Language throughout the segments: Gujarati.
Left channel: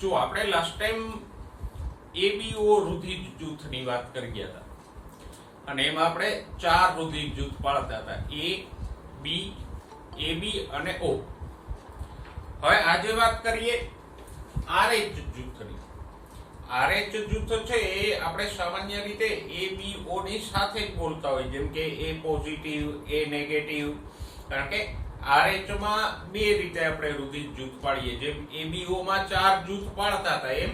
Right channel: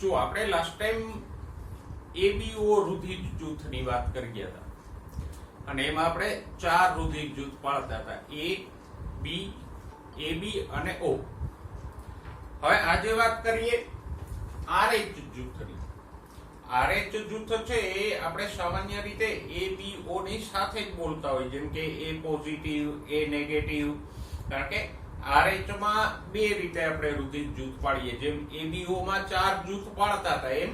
જો આપણે લાસ્ટ ટાઈમ એબીઓ રુધિર જૂથની વાત કરી ગયા હતા અને એમાં આપણે 4 રુધિર જૂથ પાડતા હતા, એ, બી, એબી અને ઓ. હવે આજે વાત કરીએ આરએચ જૂથની. આરએચ જૂથ છે એ આપણે સામાન્ય રીતે એબીઓ ની સાથે જ બોલતા હોય, જેમ કે એ પોઝિટિવ, એ નેગેટિવ. કારણ કે આરએચ માં બે રીતે આપણે રુધિર જૂથ પાડીએ, જેમ એબીઓ માં 4 જૂથ પાડતા હતા એમ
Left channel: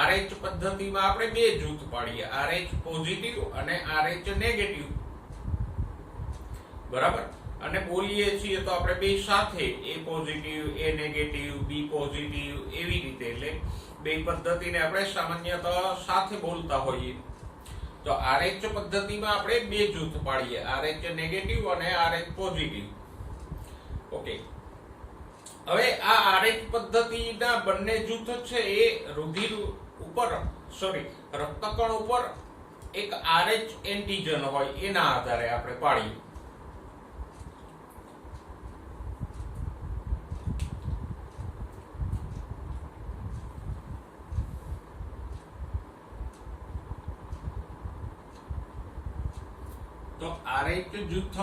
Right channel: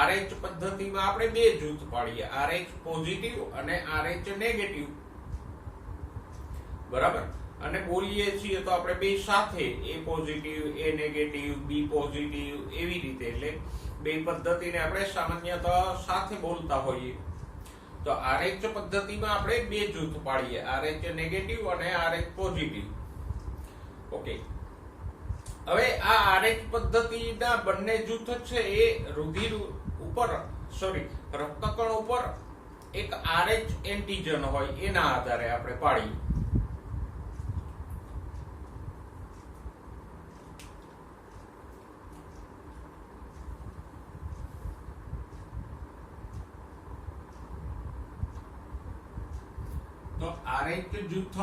આરએચ પદ્ધતિમાં આપણે બે જૂથ પાડીએ, આરએચ પોઝિટિવ અને આરએચ નેગેટિવ. બરાબર. અને બોલીએ છીએ તો આપણે બે સાથે, એ પોઝિટિવ, એ નેગેટિવ, બી પોઝિટિવ, એવી રીતે. એટલે બે પદ્ધતિને આપણે સામાન્યતઃ સાથે બોલતા હોઈએ. તો આરએચ પદ્ધતિમાં આપણે બે જૂથ પાડીએ, આરએચ નેગેટિવ અને આરએચ પોઝિટિવ. ઓકે. હવે આ આરએચ પદ્ધતિના બંને જૂથ છે એ રુધિર ઉપર રક્તકણ ઉપર એક આરએચ એન્ટીજન હોય એના આધારે આપણે પાડીએ. તો આરએચ જૂથ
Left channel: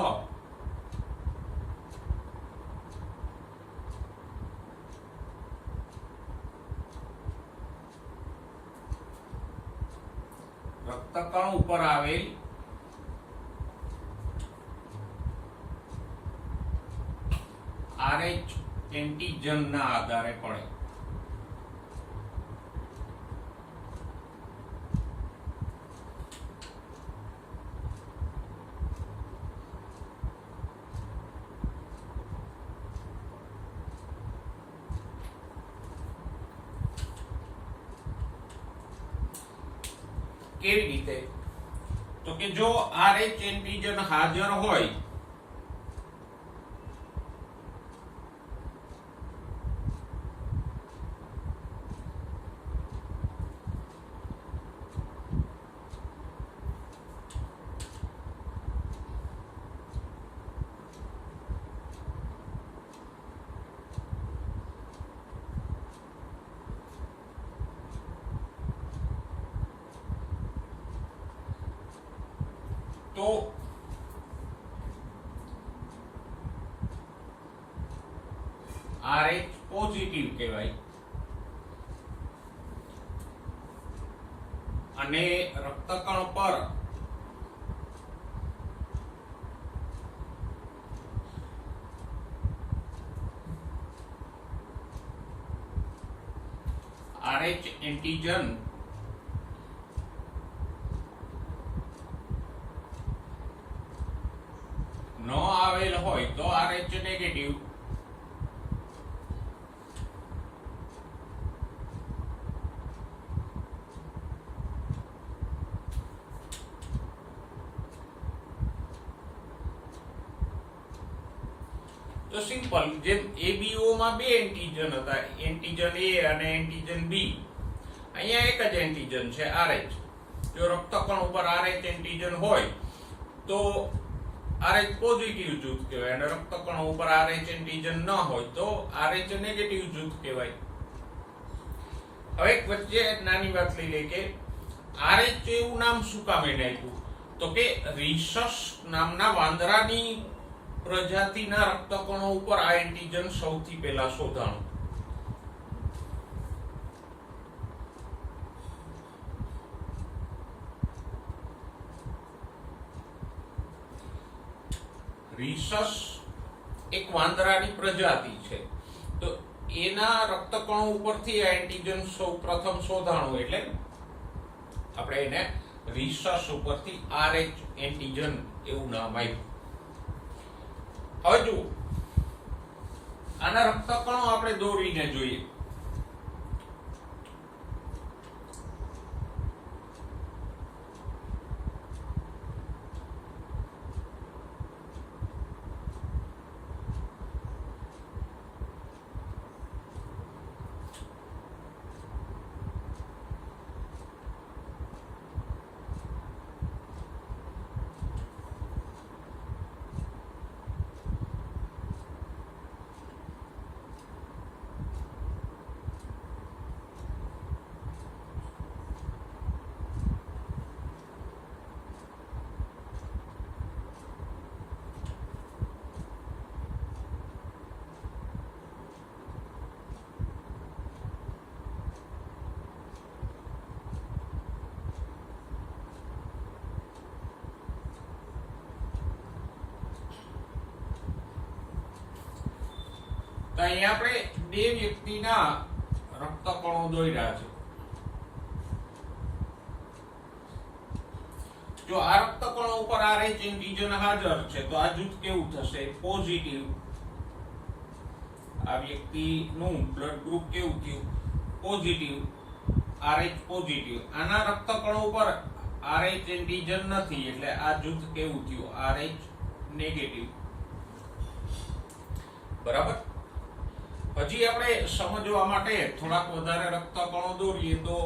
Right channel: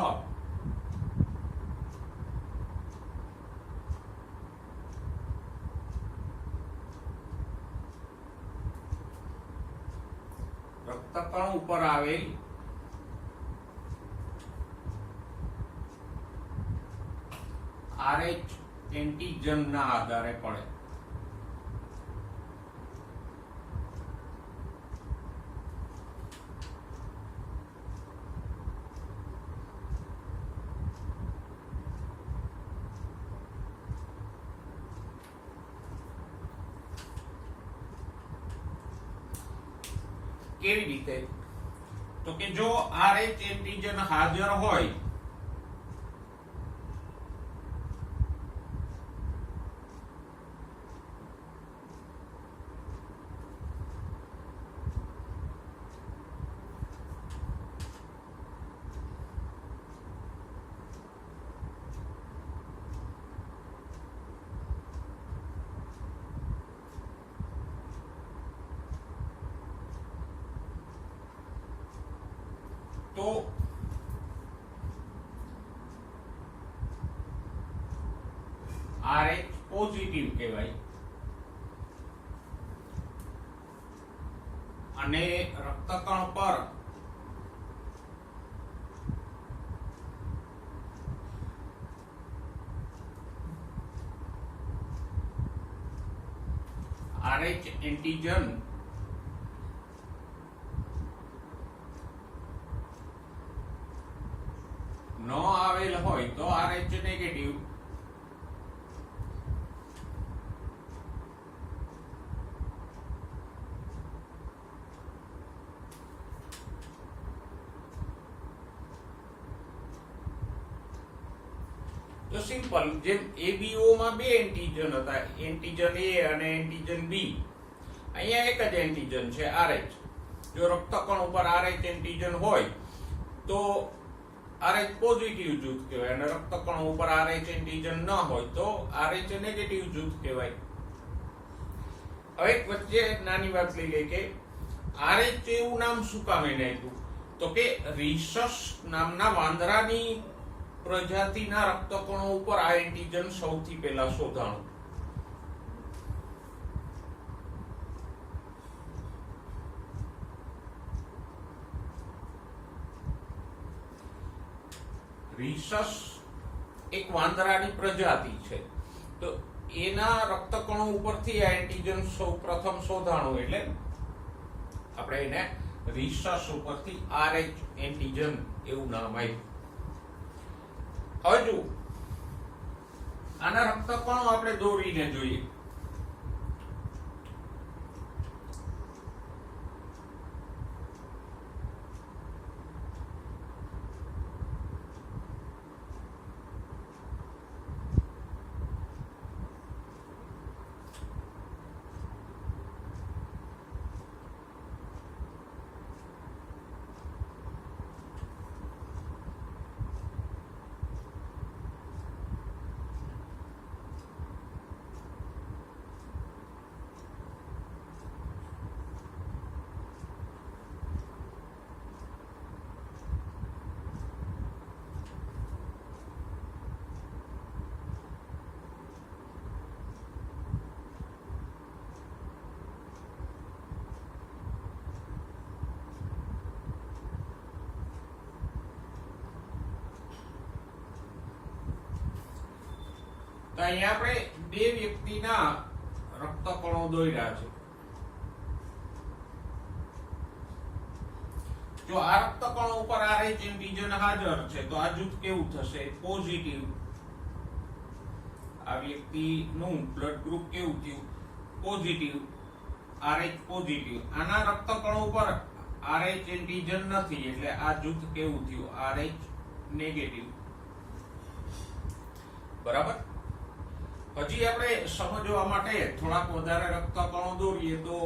રક્તકણ ઉપર આવેલ આરએચ એન્ટીજન ના આધારે પડે. કેવી રીતે? તો કે જો આરએચ એન્ટીજન હાજર હોય તો આરએચ પોઝિટિવ કહેવાય અને રક્તકણ પર આરએચ એન્ટીજન ન આવેલ હોય તો આરએચ નેગેટિવ. તો સિમ્પલ, જેમ એબીઓ માં બે એન્ટીજન હતા, એન્ટીજન એ અને એન્ટીજન બી. અહીંયા એક જ એન્ટીજન છે આરએચ. જો રક્તકણ ઉપર આરએચ એન્ટીજન હોય તો આરએચ પોઝિટિવ જૂથ કહેવાય અને રક્તકણ ઉપર આરએચ એન્ટીજન ન હોય તો આરએચ નેગેટિવ જૂથ કહેવાય. હવે વચ્ચે નાની વાત લઈ લે કે આરએચ એવું નામ શું કામ એને આપ્યું? તો કે રિસસ નામના વાંદરાની પ્રજાતિના રક્તકણો ઉપર આ એન્ટીજન સૌથી પહેલા શોધાણું. રિસસ એક વાંદરાની પ્રજાતિ છે, તો એના રક્તકણો ઉપરથી આ એન્ટીજન સૌ પ્રથમ શોધાણું, એટલે આપણે એને રિસસ ઉપરથી આરએચ એન્ટીજન એવું નામ આપ્યું. હવે જુઓ, આના રક્તકણો આપણે દોરીને જોઈએ. તો અહીંયા આપણે બે વ્યક્તિના રક્તકણો દોર્યા છે. જો આ રક્તકણો ઉપર RH એન્ટિજન હાજર છે તો આ જૂથ કેવું થશે? પોઝિટિવ. આ વ્યક્તિનું બ્લડ ગ્રુપ કેવું થયું? પોઝિટિવ. RH positive. આના રક્તકણો ઉપર RH એન્ટિજન નથી એટલે આ જૂથ કેવું થયું? RH negative. બરાબર. પછી આપણે સમજવા માટે થોડાક વધારે રક્તકણો દોરીએ તો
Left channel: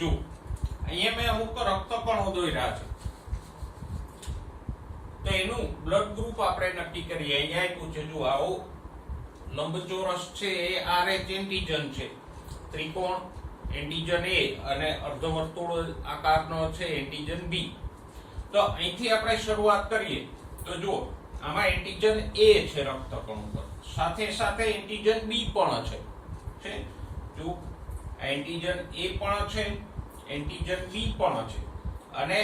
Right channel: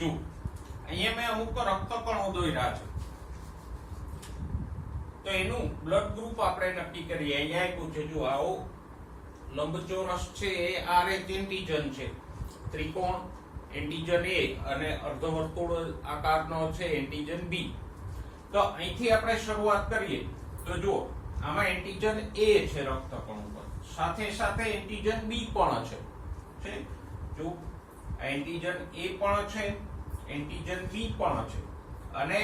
જો અહીંયા મેં અમુક રક્તકણો દોર્યા છે તો એનું બ્લડ ગ્રુપ આપણે નક્કી કરીએ. અહીંયા આપ્યું છે જો આવો લંબચોરસ છે એ RH એન્ટિજન છે, ત્રિકોણ એન્ટિજન A અને અર્ધવર્તુળ આકારનો છે એન્ટિજન B. તો અહીંથી આપણે શરૂઆત કરીએ તો જો આમાં એન્ટિજન A છે રક્તકણ ઉપર, સાથે સાથે એન્ટિજન B પણ છે. જો એન્ટિજન A પણ છે, એન્ટિજન B પણ છે અને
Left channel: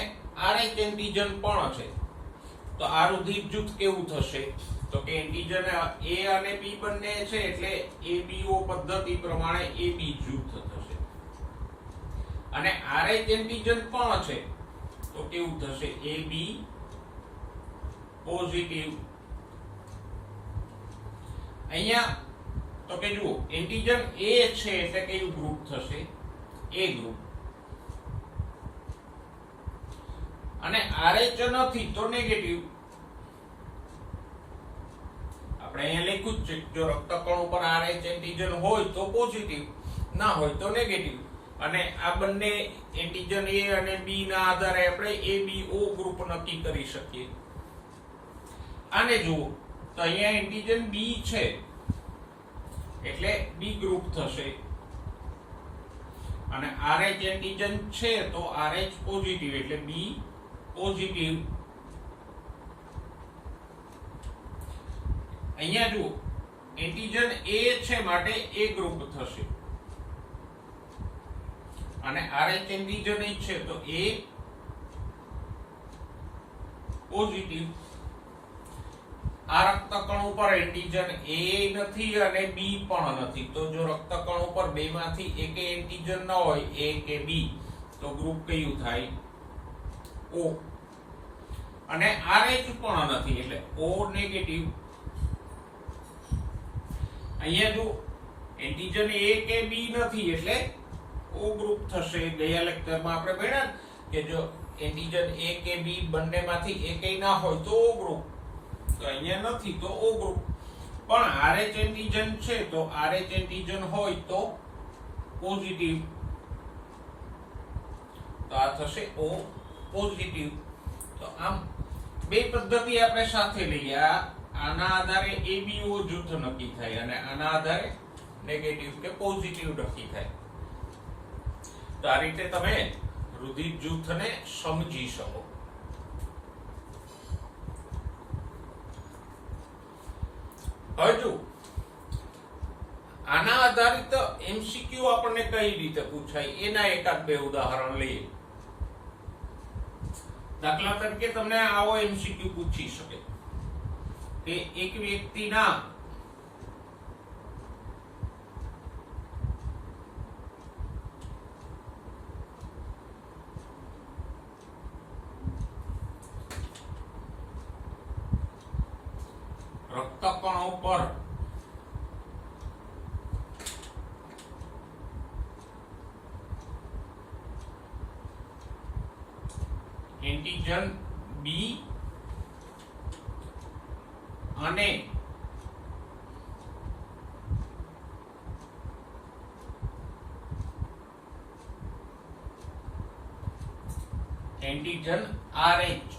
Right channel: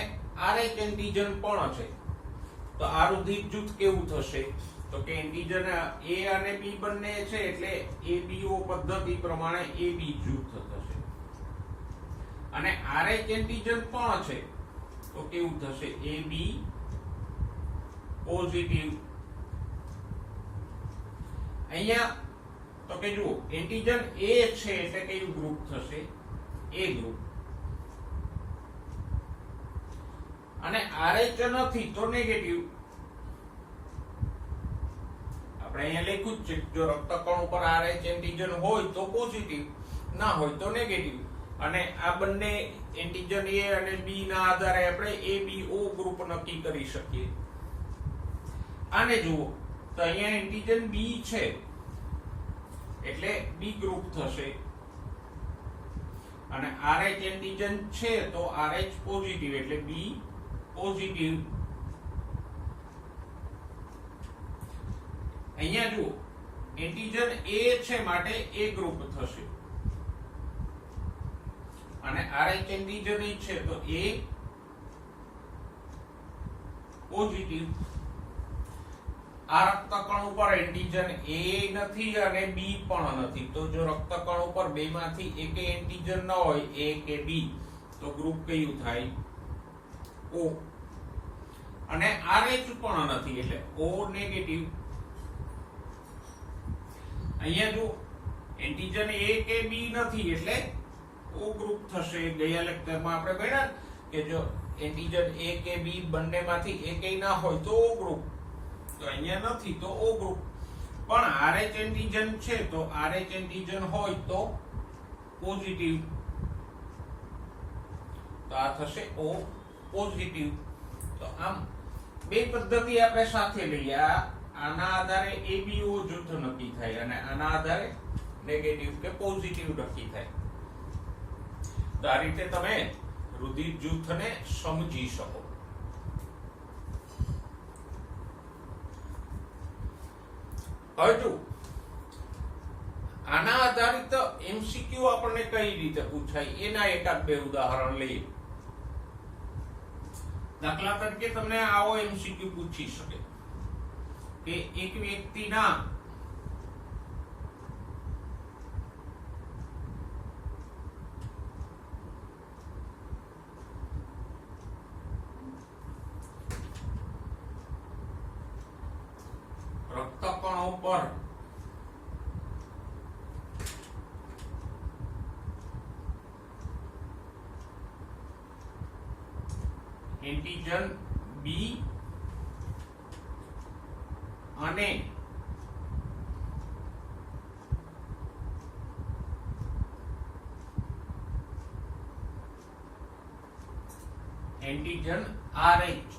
RH એન્ટિજન પણ છે. તો આ રુધિર જૂથ કેવું થશે? તો કે એન્ટિજન A અને B બંને છે એટલે ABO પદ્ધતિ પ્રમાણે AB જૂથ થશે. અને RH એન્ટિજન પણ છે તો કેવું થશે? AB positive. અહીંયા તો કે જુઓ એન્ટિજન A છે એટલે કયું ગ્રુપ થશે? A group. અને RH નથી તો નેગેટિવ. આપણે અહીંયા લખ્યું જ છે જો રક્તકણ ઉપર RH એન્ટિજન હોય તો પોઝિટિવ, ના હોય તો નેગેટિવ. અને આ બંને એન્ટિજન A અને B ના આધારે આપણે ABO ગ્રુપ નક્કી કરી શકીએ. આને જુઓ તો અહીંયા એન્ટિજન B છે એટલે B ગ્રુપ થશે અને RH એન્ટિજન છે તો RH પોઝિટિવ એટલે B પોઝિટિવ. અહીંયા જુઓ એન્ટિજન A છે માટે A ગ્રુપ થશે અને RH એન્ટિજન છે તો A પોઝિટિવ. આ રક્તકણ ઉપર એન્ટીજન A નથી અને B પણ નથી. તો જો રક્તકણ ઉપર બેમાંથી એક એન્ટીજન ન હોય A કે B તો ગ્રુપ કયું થાય? O. અને RH પણ નથી એટલે O નેગેટિવ. અહીંયા જો એન્ટીજન A કે B નથી એટલે O ગ્રુપ થશે. ગયા લેક્ચરમાં આપણે ભણ્યા કે જો એન્ટીજન A કે B બંનેમાંથી એકેય ના હોય તો O ગ્રુપ. તો અહીંયા નથી તો O ગ્રુપ. પણ RH એન્ટીજન છે તો RH એન્ટીજન હોય તો પોઝિટિવ. તો આ થશે O પોઝિટિવ. તો આમ બે પદ્ધતિ આપણે સાથે લઈએ. આના આધારે ABO જૂથ નક્કી થાય અને આના આધારે નેગેટિવ કે પોઝિટિવ નક્કી થાય. તો આ રીતે તમે રુધિર જૂથને સમજી શકો. હજુ આના આધારિત MCQ આપણને કઈ રીતે પૂછાય એના એકાદ બે ઉદાહરણ લઈએ. દાખલા તરીકે તમને આવો MCQ પૂછી શકે કે એક વ્યક્તિના રક્તકણો પર એન્ટીજન B અને એન્ટીજન RH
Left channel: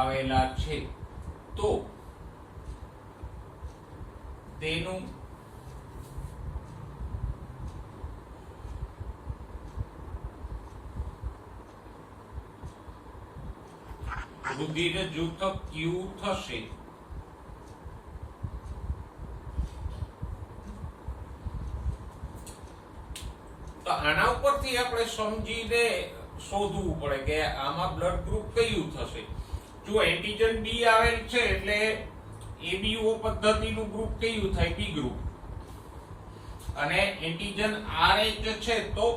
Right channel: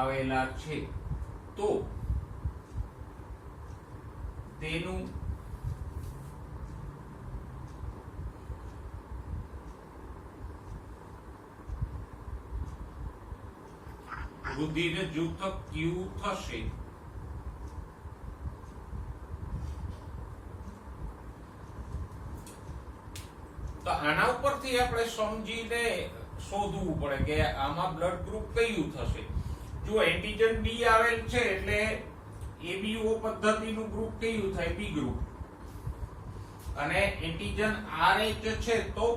આવેલા છે તો તેનું રુધિર જૂથ ક્યુ થશે? તો આના ઉપરથી આપણે સમજીને શોધવું પડે કે આમાં બ્લડ ગ્રુપ કયું થશે. જો એન્ટીજન B આવેલ છે એટલે ABO પદ્ધતિનું ગ્રુપ કયું થાય? B group. અને એન્ટીજન RH છે તો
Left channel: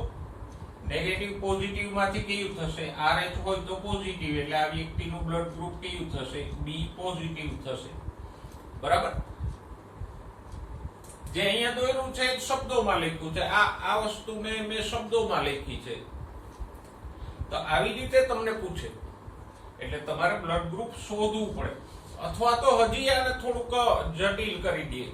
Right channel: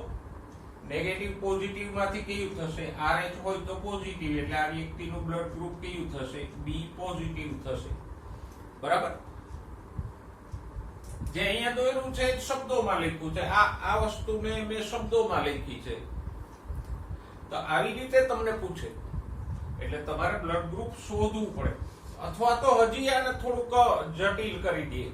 નેગેટિવ પોઝિટિવ માંથી કયું થશે? RH હોય તો પોઝિટિવ એટલે આ વ્યક્તિનું બ્લડ ગ્રુપ કયું થશે? B પોઝિટિવ થશે. બરાબર. જે અહીંયા દોર્યું છે એ શબ્દોમાં લખ્યું છે. આ વસ્તુને મેં શબ્દોમાં લખી છે. તો આવી રીતે તમને પૂછે એટલે તમારે બ્લડ ગ્રુપ શોધવું પડે અથવા તો હજી આને થોડુંક જટિલ કરી દઈએ.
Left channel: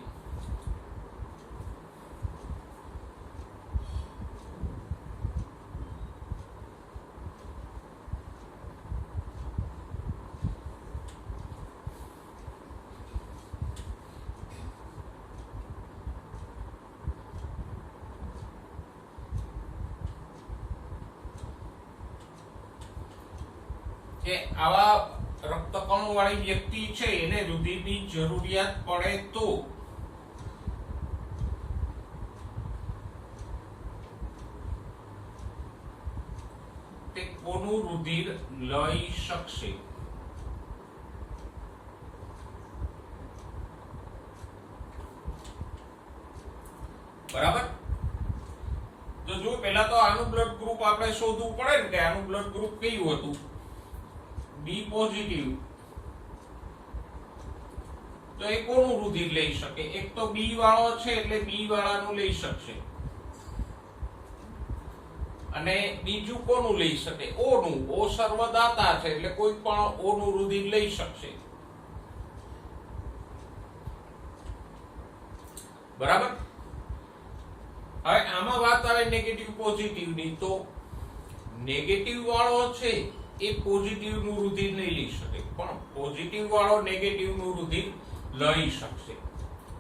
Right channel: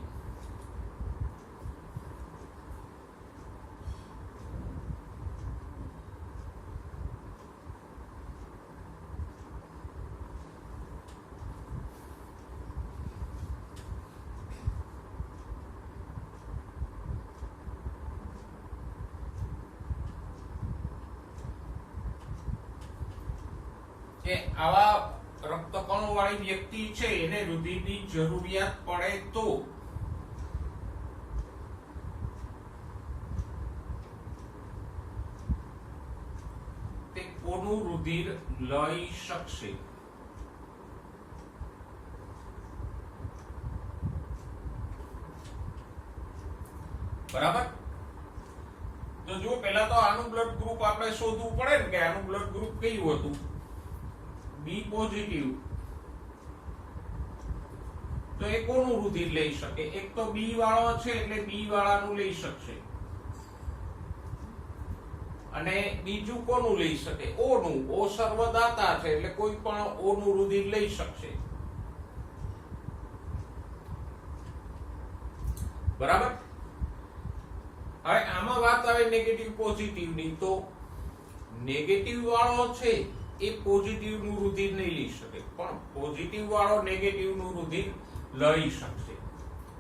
કે આવા રક્તકણો વાળી વ્યક્તિ છે એને રુધિરની જરૂરિયાત પડે તો તે કોનું રુધિર લઈ શકશે? બરાબર. તો જો પહેલા તો આનું બ્લડ ગ્રુપ આપણે શોધવું પડે ને કે આનું બ્લડ ગ્રુપ કયું હતું? B positive. તો એ કોનું રુધિર લઈ શકે? એક તો B વાળો છે એટલે B વાળાનું લઈ શકશે. અને બીજું કોનું લઈ શકે? O નું. O સર્વદાતા છે એટલે કોઈ પણ O નું રુધિર લઈ શકશે. બરાબર. હવે આમાં વાત આવે નેગેટિવ પોઝિટિવ ની. તો નેગેટિવ વાળો છે એ પોઝિટિવ નું રુધિર નહીં લઈ શકે પણ પોઝિટિવ વાળો નેગેટિવ નું રુધિર લઈ શકશે.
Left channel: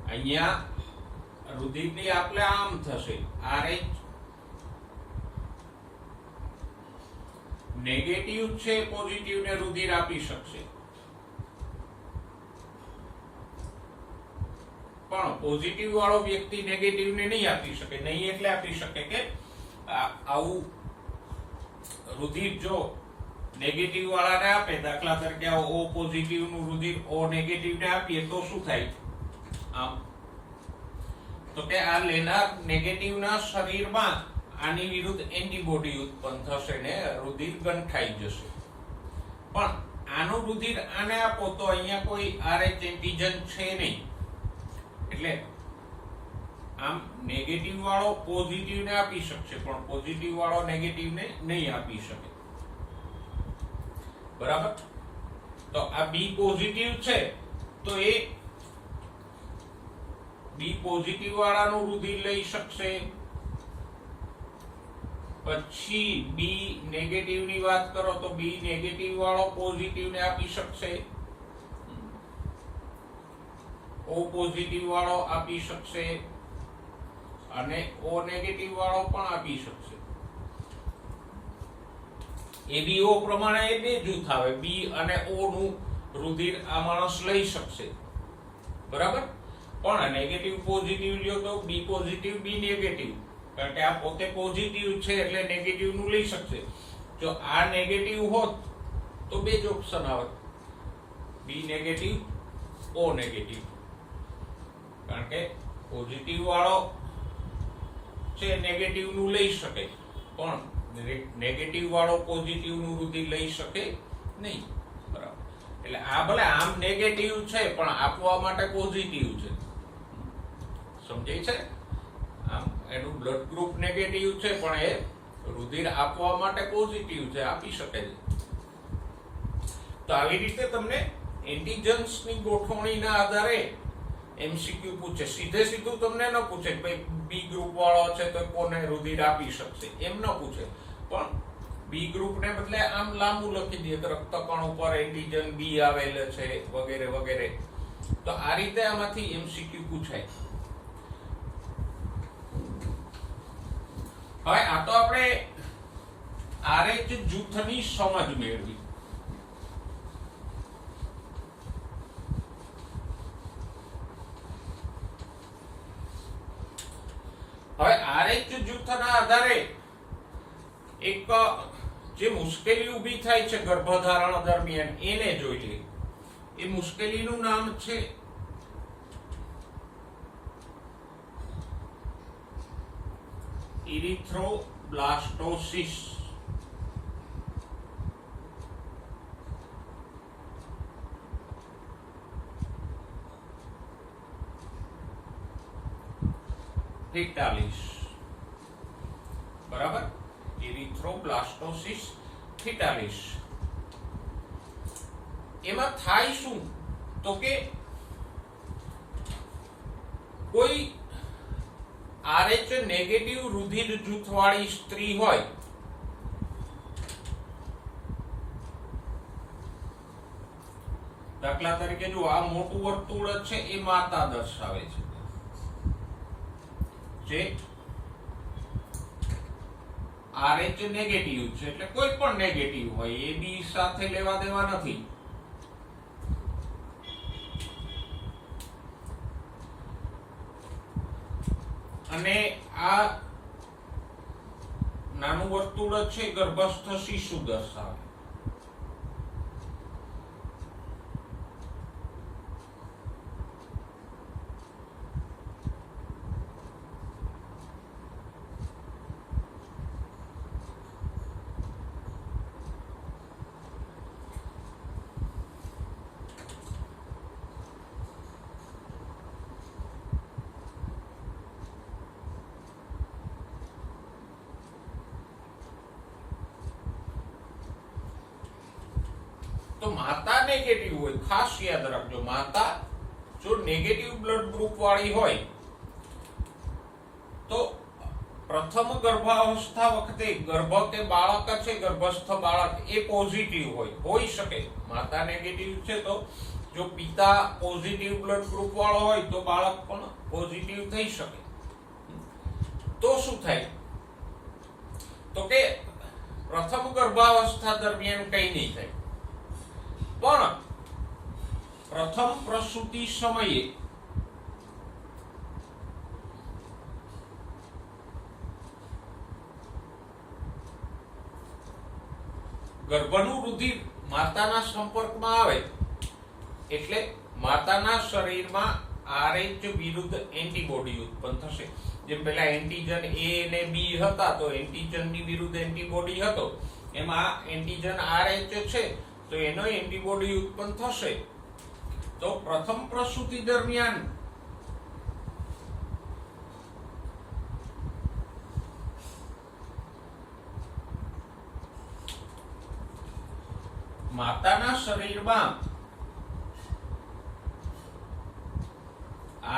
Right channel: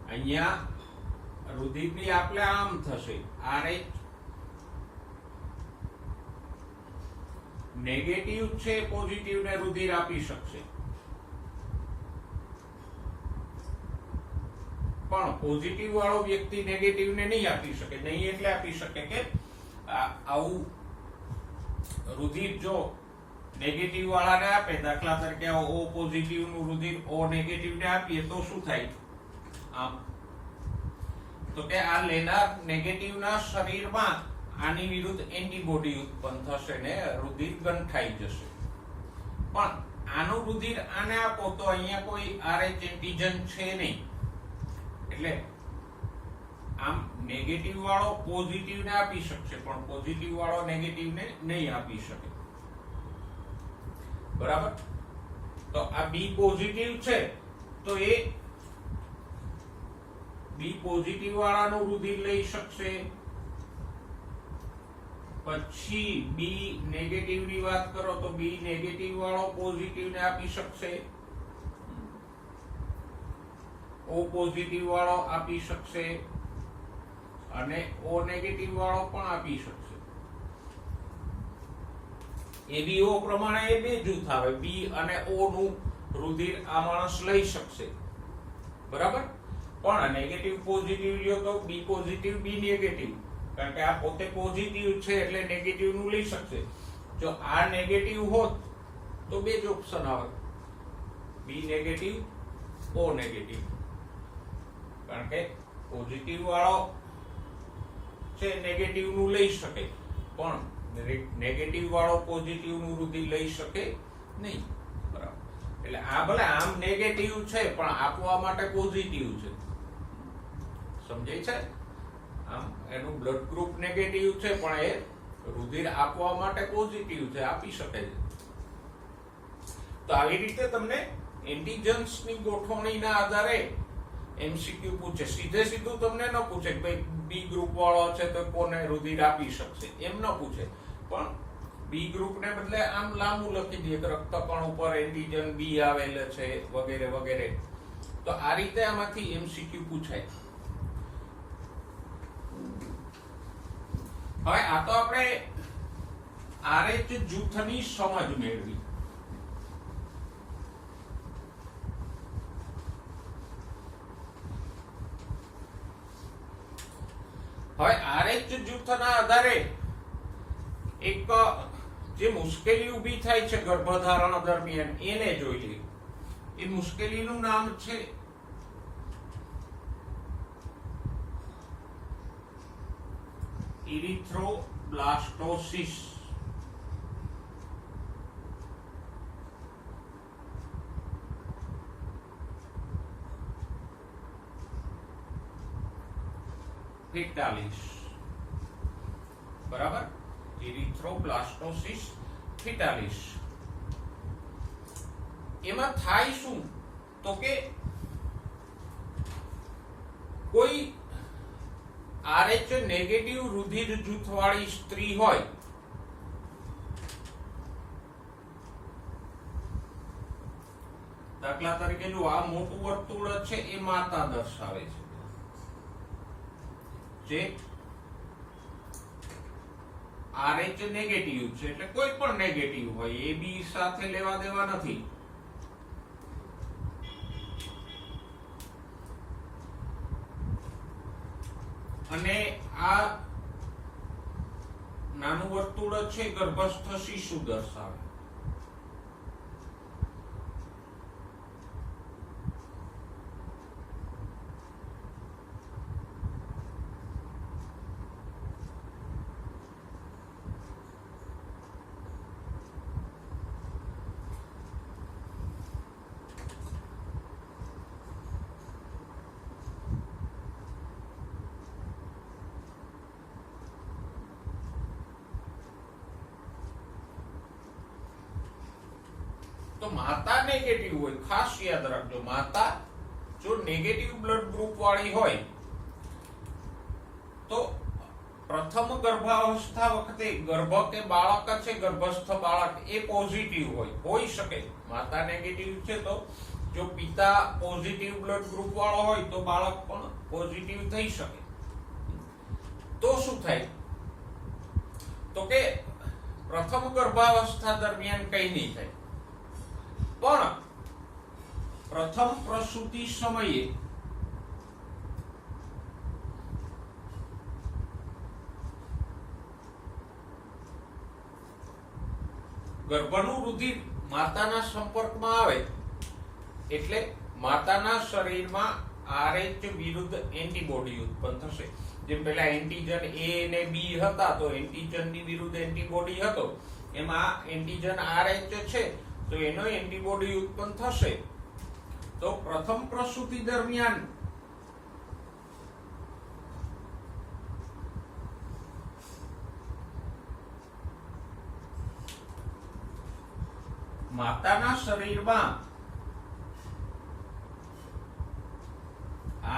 અહીંયા રુધિરની આપણે આમ થશે RH નેગેટિવ છે પોઝિટિવ ને રુધિર આપી શકશે પણ પોઝિટિવ વાળો વ્યક્તિ નેગેટિવ ને નહીં આપી શકે. નહીં એટલે આપી શકે કે આવું રુધિર જો નેગેટિવ વાળાને આપે, દાખલા તરીકે ઓ પોઝિટિવ નું રુધિર ઓ નેગેટિવ ને આપીએ તો શું થાય? આમ તો કે આ લેનાર નેગેટિવ ના શરીરમાં આની વિરુદ્ધ એન્ટીબોડી ઉત્પન્ન થશે ને રુધિર ગંઠાઈ જશે. પણ આનું રુધિર આને આપો તો અહીંયા કોઈ RH એન્ટીજન છે નહીં, એટલે આમ નેગેટિવ વાળો પોઝિટિવ ને આપી શકશે પણ પોઝિટિવ વાળો નેગેટિવ ને નહીં આપી શકે. બરાબર? તો આ બી પોઝિટિવ છે તો એ બી પોઝિટિવ વાળાનું રુધિર લઈ શકશે. પછી બી નેગેટિવ ની વાત કરો તો બી નેગેટિવ વાળો પોઝિટિવ ને આપી શકશે, ઓ પોઝિટિવ વાળો આપી શકશે અને ઓ નેગેટિવ વાળો પણ આપી શકશે. એબીઓ પ્રમાણે એ બે જૂથ આવે, બી અને ઓ નું રુધિર આ માણસ લઈ શકશે. બરાબર? પણ નેગેટિવ પોઝિટિવ લ્યો તો બી પોઝિટિવ બી નેગેટિવ, કારણ કે આ પોતે પોઝિટિવ છે એટલે નેગેટિવ નું લઈ શકશે. જો આ નેગેટિવ હોત તો બે જ ઓપ્શન આવે, બી નેગેટિવ ઓ નેગેટિવ, કારણ કે પોઝિટિવ વાળો છે નેગેટિવ નું લઈ શકે પણ નેગેટિવ વાળો પોઝિટિવ નું રુધિર લઈ શકે નહીં. બરાબર? એટલે આ ભલે આમ નેગેટિવ છે પણ આપવા માટે પોઝિટિવ છે. સમજાય છે? આમ એનું બ્લડ ગ્રુપ નેગેટિવ છે પણ એ રુધિર આપવા માટે પોઝિટિવ છે, આપી શકે છે. તો આવી રીતે તમને એન્ટીજન્સ ની ગોઠવણીના આધારે એમસીક્યુ પૂછે. સીધે સીધું તમને ન પૂછે કે બી ગ્રુપ વાળો છે તો કોને રુધિર આપી શકશે, એમ ન પૂછે. પણ બી ગ્રુપ ને બદલે આમ લાંબુ લખી દે કે રક્તકણ ઉપર એન્ટીજન બી આવેલ છે વગેરે વગેરે. તો આ રીતે આમાંથી એમસીક્યુ પૂછાય. હવે આ તો આપણે RH જૂથની સમજ મેળવી. હવે RH જૂથના આધારે એક જે મુશ્કેલી ઊભી થાય છે ગર્ભધારણ દરમિયાન એને જોઈ લઈએ. એ મુશ્કેલીનું નામ છે ઇરિથ્રોબ્લાસ્ટોસિસ. બરાબર? ઇરિથ્રોબ્લાસ્ટોસિસ ફિટાલિસ. એમાં થાય શું તો કે કોઈ RH નેગેટિવ રુધિર જૂથવાળી સ્ત્રી હોય દાખલા તરીકે જો આ મોટું વર્તુળ છે એ માતા દર્શાવે છે, જે RH નેગેટિવ છે એટલે કોઈ પણ નેગેટિવ હોય એ બી સાથે લેવા દેવા નથી. અને આ નાનું વર્તુળ છે ગર્ભસ્થ શિશુ દર્શાવે. તો માતા નેગેટિવ હોય, ખાસ યાદ રાખજો, માતા જો નેગેટિવ બ્લડ ગ્રુપ વાળી હોય તો પ્રથમ ગર્ભાવસ્થા વખતે ગર્ભ કે બાળક છે ગર્ભસ્થ બાળક એ પોઝિટિવ હોઈ શકે. માતા નેગેટિવ છે તો જો પિતા પોઝિટિવ બ્લડ ગ્રુપ વાળો હોય તો બાળક પણ પોઝિટિવ થઈ શકે. તો શું થાય તો કે પ્રથમ ગર્ભાવસ્થા દરમિયાન કઈ નહીં થાય, પણ પ્રથમ પ્રસૂતિ સમયે ગર્ભનું રુધિર માતાના સંપર્કમાં આવે એટલે માતાના શરીરમાં RH વિરુદ્ધ એન્ટીબોડી ઉત્પન્ન થશે. જેમ પહેલા એન્ટીજન A અને B હતા તો એન્ટીજન ની વિરુદ્ધ એન્ટીબોડી હતો, એમાં એન્ટીજન RH છે તો એનો એન્ટીબોડી ઉત્પન્ન થશે. તો પ્રથમ પ્રસૂતિ દરમિયાન માતાના શરીરમાં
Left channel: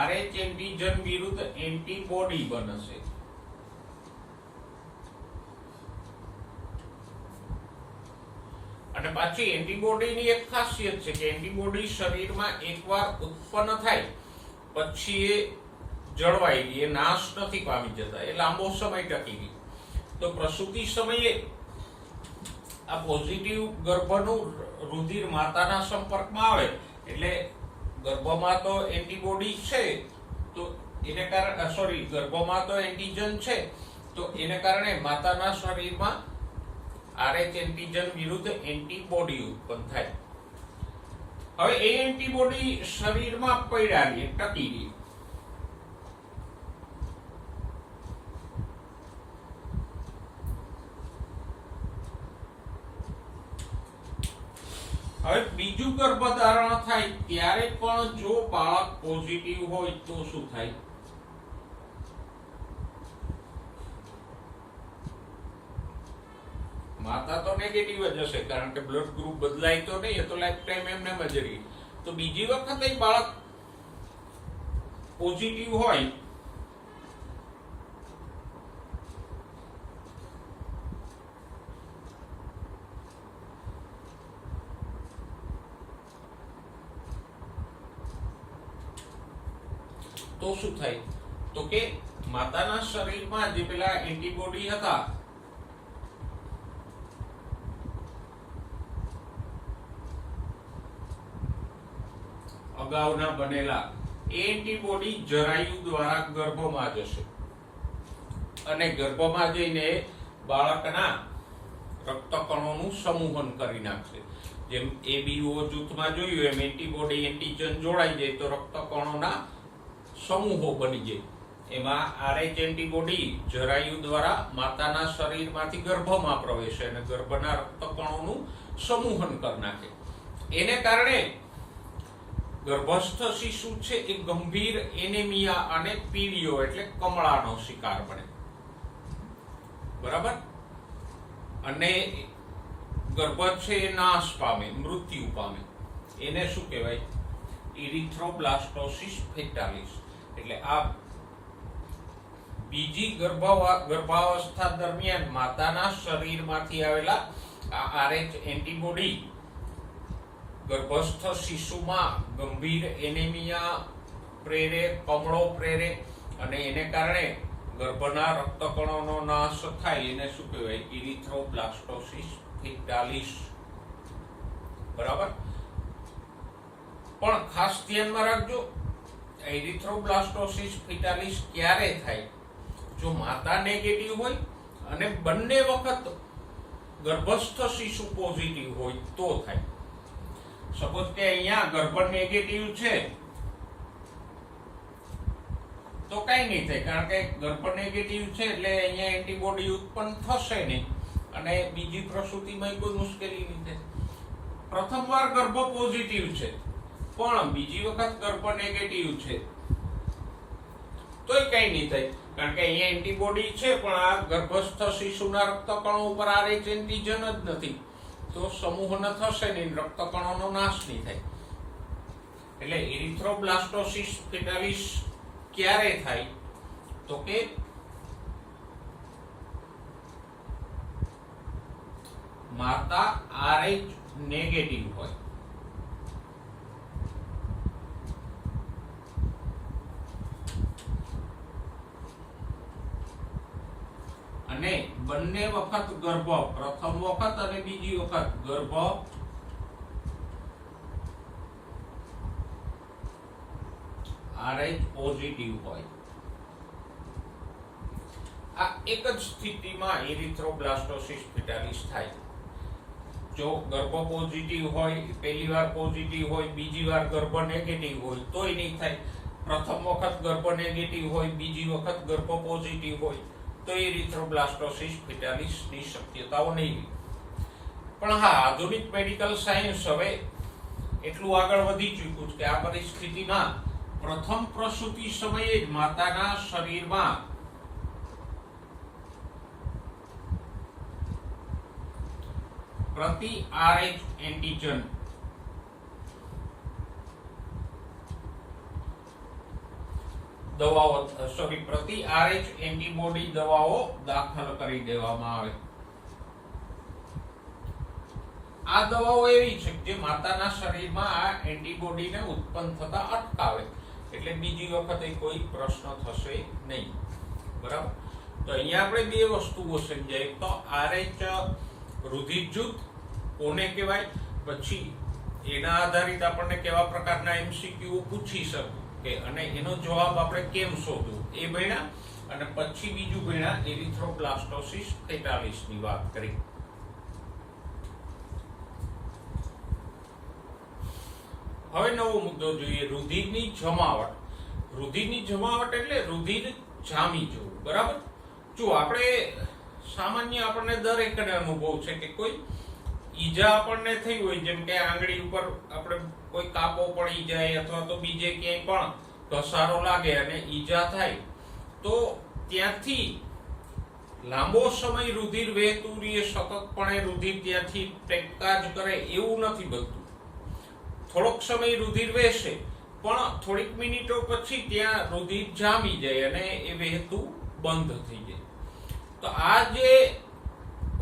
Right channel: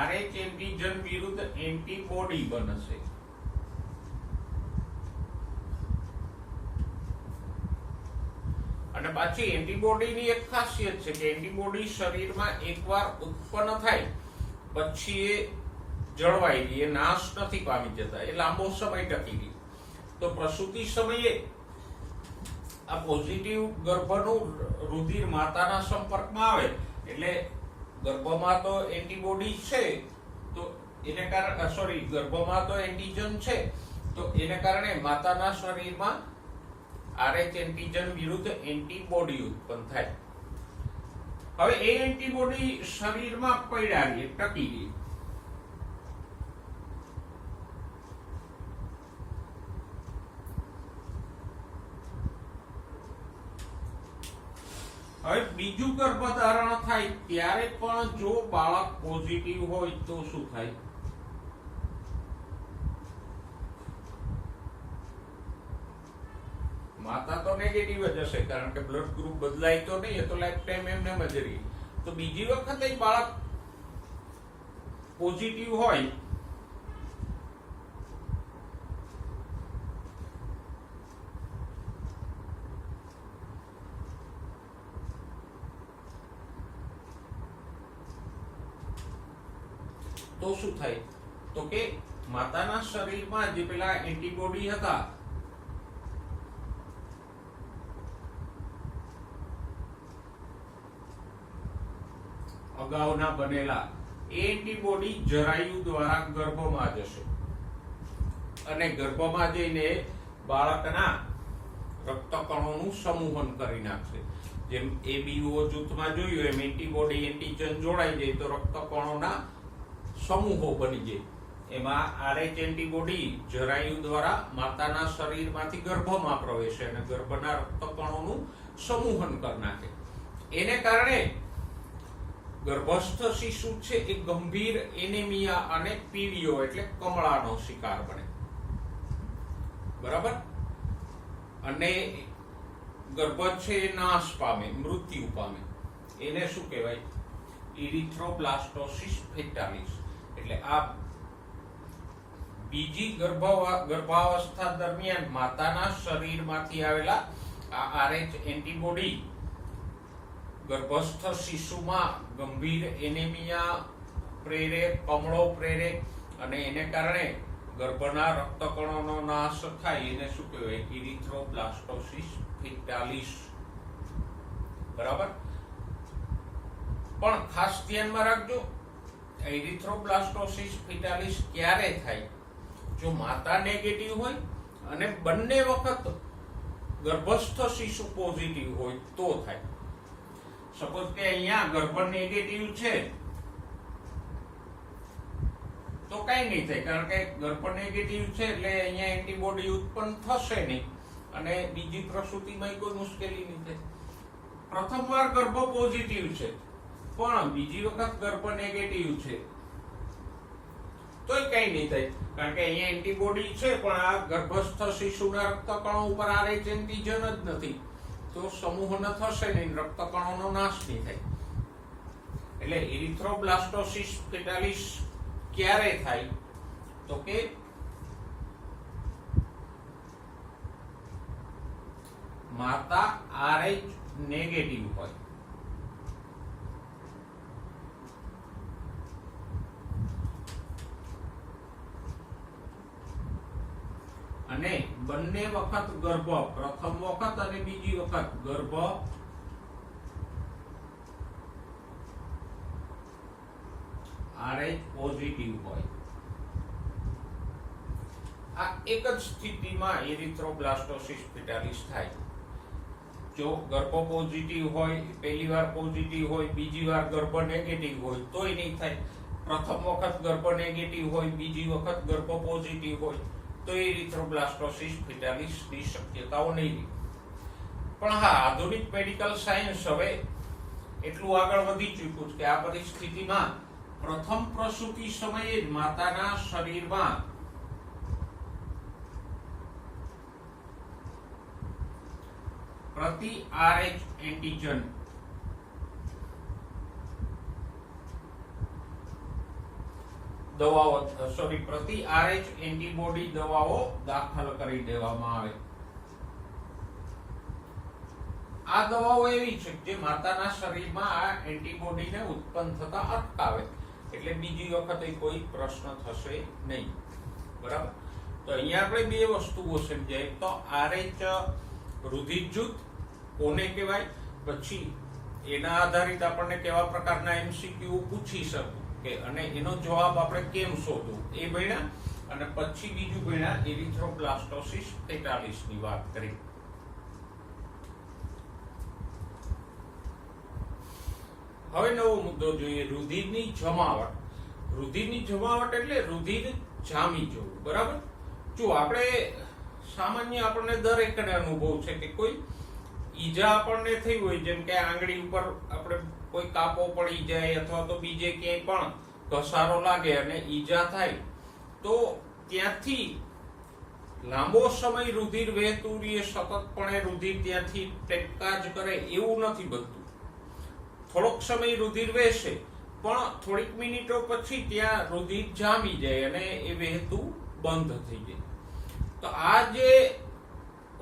RH એન્ટીજન વિરુદ્ધ એન્ટીબોડી બનશે. અને પાછી એન્ટીબોડીની એક ખાસિયત છે કે એન્ટીબોડી શરીરમાં એકવાર ઉત્પન્ન થાય પછી એ જળવાઈ રહે, એ નાશ નથી પામી જતા, એ લાંબો સમય ટકી રહે. તો પ્રસૂતિ સમયે આ પોઝિટિવ ગર્ભનું રુધિર માતાના સંપર્કમાં આવે એટલે ગર્ભમાં તો એન્ટીબોડી છે તો એને કારણે ગર્ભમાં તો એન્ટીજન છે તો એને કારણે માતાના શરીરમાં RH એન્ટીજન વિરુદ્ધ એન્ટીબોડી ઉત્પન્ન થાય. હવે એ એન્ટીબોડી શરીરમાં પડ્યા રહે, ટકી રહે. હવે બીજું ગર્ભધારણ થાય ત્યારે પણ જો બાળક પોઝિટિવ હોય તો શું થાય? માતા તો નેગેટિવ જ હશે કારણ કે બ્લડ ગ્રુપ બદલાય તો નહીં, એ તો લાઈફ ટાઈમ એમને જ રહે. તો બીજી વખતે બાળક પોઝિટિવ હોય તો શું થાય? તો કે માતાના શરીરમાં જે પેલા એન્ટીબોડી હતા અગાઉના બનેલા, એ એન્ટીબોડી જરાયુ દ્વારા ગર્ભમાં જશે અને ગર્ભમાં જઈને બાળકના રક્તકણોનું સમૂહન કરી નાખશે. જેમ ABO જૂથમાં જોયું એમ એન્ટીબોડી એન્ટીજન જોડાઈ જાય તો રક્તકણોના સમૂહો બની જાય. એમાં RH એન્ટીબોડી જરાયુ દ્વારા માતાના શરીરમાંથી ગર્ભમાં પ્રવેશે અને ગર્ભના રક્તકણોનું સમૂહન કરી નાખે. એને કારણે ગર્ભસ્થ શિશુ છે એ ગંભીર એનેમિયા અને પીડીઓ એટલે કમળાનો શિકાર બને. બરાબર? અને ગર્ભ છે એ નાશ પામે, મૃત્યુ પામે. એને શું કહેવાય? ઇરિથ્રોબ્લાસ્ટોસિસ ફેટાલિસ. એટલે આ બીજી ગર્ભાવસ્થા દરમિયાન માતાના શરીરમાંથી આવેલા આ RH એન્ટીબોડી ગર્ભસ્થ શિશુમાં ગંભીર એનેમિયા પ્રેરે, કમળો પ્રેરે અને એને કારણે ગર્ભના રક્તકણોનો નાશ થાય. એને શું કહેવાય? ઇરિથ્રોબ્લાસ્ટોસિસ ફેટાલિસ. બરાબર? પણ ખાસ ધ્યાનમાં રાખજો, એરિથ્રોબ્લાસ્ટોસિસ ફેટાલિસ ક્યારે થાય? જો માતા નેગેટિવ હોય અને બંને વખત ગર્ભસ્થ શિશુ પોઝિટિવ હોય તો થાય. સપોઝ કે અહીંયા ગર્ભ નેગેટિવ છે તો કઈ નહીં થાય કારણ કે ગર્ભ નેગેટિવ છે એટલે અહીંયા એન્ટીબોડી ઉત્પન્ન થશે નહીં અને બીજી પ્રસૂતિમાં કોઈ મુશ્કેલી નહીં થાય. પ્રથમ વાર ગર્ભ પોઝિટિવ છે પણ બીજી વખત ગર્ભ નેગેટિવ છે તોય કઈ નહીં થાય કારણ કે અહીંયા એન્ટીબોડી છે પણ આ ગર્ભસ્થ શિશુના રક્તકણો ઉપર RH એન્ટીજન જ નથી તો સમૂહન થશે નહીં, રક્તકણોનો નાશ નહીં થાય. એટલે ઇરિથ્રોબ્લાસ્ટોસિસ ફેટાલિસ ક્યારે થાય? તો કે માતા RH નેગેટિવ હોય અને બંને વખત ગર્ભ, પ્રથમ વખત અને બીજી વખત ગર્ભ RH પોઝિટિવ હોય. આ એક જ સ્થિતિમાં એરિથ્રોબ્લાસ્ટોસિસ ફેટાલિસ થાય. જો ગર્ભ પોઝિટિવ હોય, પહેલી વાર પોઝિટિવ હોય, બીજી વાર ગર્ભ નેગેટિવ હોય તોય નહીં થાય. પ્રથમ વખત ગર્ભ નેગેટિવ હોય, બીજી વખત ગર્ભ પોઝિટિવ હોય તો એરિથ્રોબ્લાસ્ટોસિસ ફેટાલિસની શક્યતાઓ નહીં. પણ હા, આધુનિક મેડિકલ સાયન્સ હવે એટલું આગળ વધી ચૂક્યું છે કે આ પરિસ્થિતિમાં પ્રથમ પ્રસૂતિ સમયે જ માતાના શરીરમાં પ્રતિ RH એન્ટીજન દવાઓ પ્રતિ RH એન્ટીબોડી દવાઓ દાખલ કરી દેવામાં આવે. આ દવાઓ એવી છે કે માતાના શરીરમાં આ એન્ટીબોડીને ઉત્પન્ન થતા અટકાવે, એટલે બીજી વખતે કોઈ પ્રશ્ન થશે નહીં. બરાબર. તો અહીંયા આપણે બે વસ્તુઓ સમજાય. તો RH રુધિર જૂથ કોને કહેવાય, પછી એના આધારિત આપણને કેવા પ્રકારના MCQ પૂછી શકે કે અને એનો જવાબ આપણે કેમ શોધવું એ ભણ્યા. અને પછી બીજું ભણ્યા એરિથ્રોબ્લાસ્ટોસિસ ફેટાલિસની વાત કરી. હવે નવો મુદ્દો જોઈએ, રુધિરની જમાવટ. રુધિરની જમાવટ એટલે રુધિર જામી જવું. બરાબર. જો આપણે સામાન્ય આપણને દરેકને અનુભવ છે કે કોઈ ઈજા આપણને થઈ હોય, જેમ કે આંગળી ઉપર આપણે કોઈ કાપો પડી જાય અથવા તો બીજે ક્યાંય પણ ઘસારો લાગે અને ઈજા થાય તો ત્યાંથી લાંબો સમય રુધિર વહેતું રહે, સતતપણે રુધિર ત્યાંથી ટેક્કા જ કરે એવું નથી બનતું. થોડોક સમય રુધિર વહેશે પણ થોડીક મિનિટો પછી ત્યાં રુધિર જામી જાય અને એ વહેતું બંધ થઈ જાય. તો આ જે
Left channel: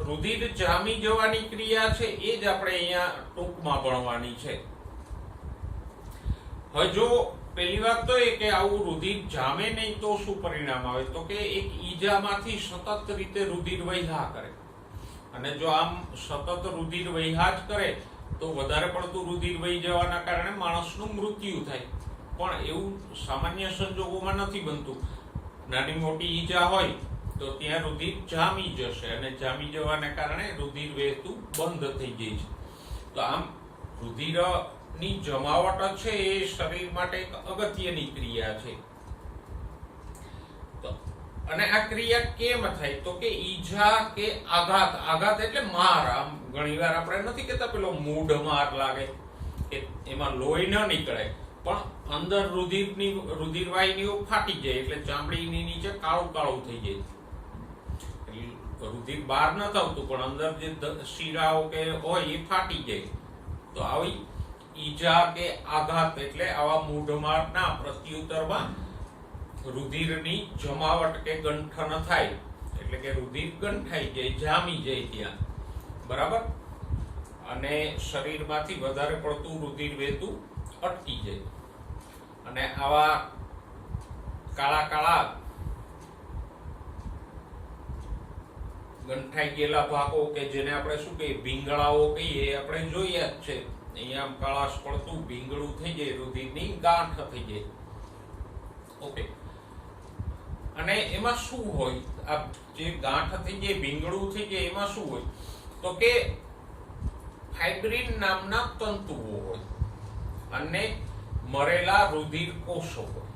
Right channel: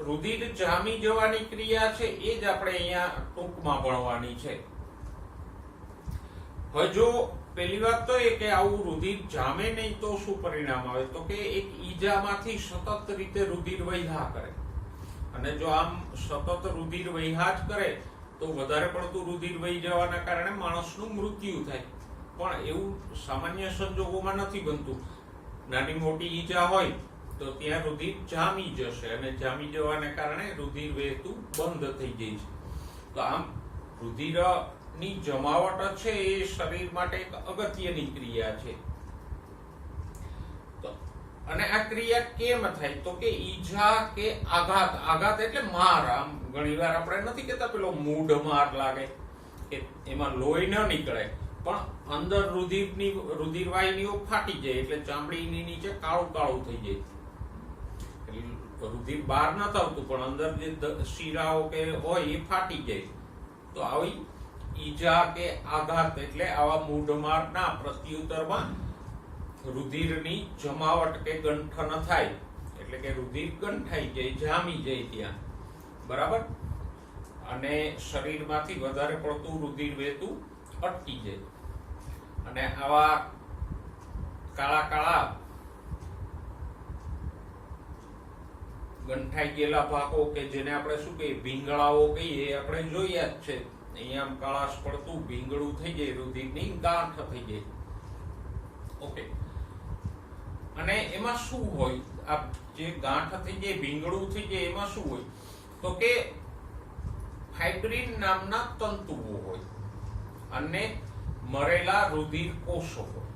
રુધિર જામી જવાની ક્રિયા છે એ જ આપણે અહીંયા ટૂંકમાં ભણવાની છે. હવે જો પહેલી વાત તો એ કે આવું રુધિર જામે નહીં તો શું પરિણામ આવે, તો કે એક ઈજામાંથી સતત રીતે રુધિર વહ્યા કરે. અને જો આમ સતત રુધિર વહ્યા જ કરે તો વધારે પડતું રુધિર વહી જવાના કારણે માણસનું મૃત્યુ થાય. પણ એવું સામાન્ય સંજોગોમાં નથી બનતું. નાની મોટી ઈજા હોય તો ત્યાં રુધિર જામી જશે અને જામી જવાને કારણે રુધિર વહેતું બંધ થઈ જાય છે. તો આમ રુધિરની જમાવટ છે એ શરીર માટે એક અગત્યની ક્રિયા છે. તો અને આ ક્રિયા કેમ થાય, તો કે ઈજા કે આઘાત. આઘાત એટલે માર. આમ ઘણીવાર આપણે નથી કહેતા પેલો મૂઢ માર લાગે કે એમાં લોહી ન નીકળે પણ અંદર રુધિર વાહિનીઓ ફાટી જાય એટલે ચામડીની નીચે કાળું કાળું થઈ જાય. રુધિર બહાર ન થતું પણ અંદર જે શીરાઓ કે હોય એ ફાટી જાય. તો આવી ઈજા કે આઘાત એટલે આવા મૂઢમારના પ્રત્યુત્તરમાં રુધિરની જમાવટ કે ગંઠન થાય, એટલે કે રુધિર ગંઠાઈ જાય, જામી જાય ત્યાં. બરાબર. અને શરીરમાંથી વધારે પડતું રુધિર વહેતું અટકી જાય. અને આવા કાળા કાળા ગંઠાઈ ગયેલા ભાગો કે જેને આપણે શું કહીએ ભીંગળાઓ કહીએ, આપણે જોયા જ છે. અહીંયા આમ કાળાશ પડતું ભીંગળું થઈ જાય, રુધિરની ગાંઠ થઈ જાય. ઓકે. અને એમાં શું હોય, આ જે ગાંઠ થઈ જાય, ભીંગળું થઈ જાય, એમાં શું હોય તો કે ફાઇબ્રિન નામના તંતુઓ હોય અને મરેલા રુધિર કોષો હોય.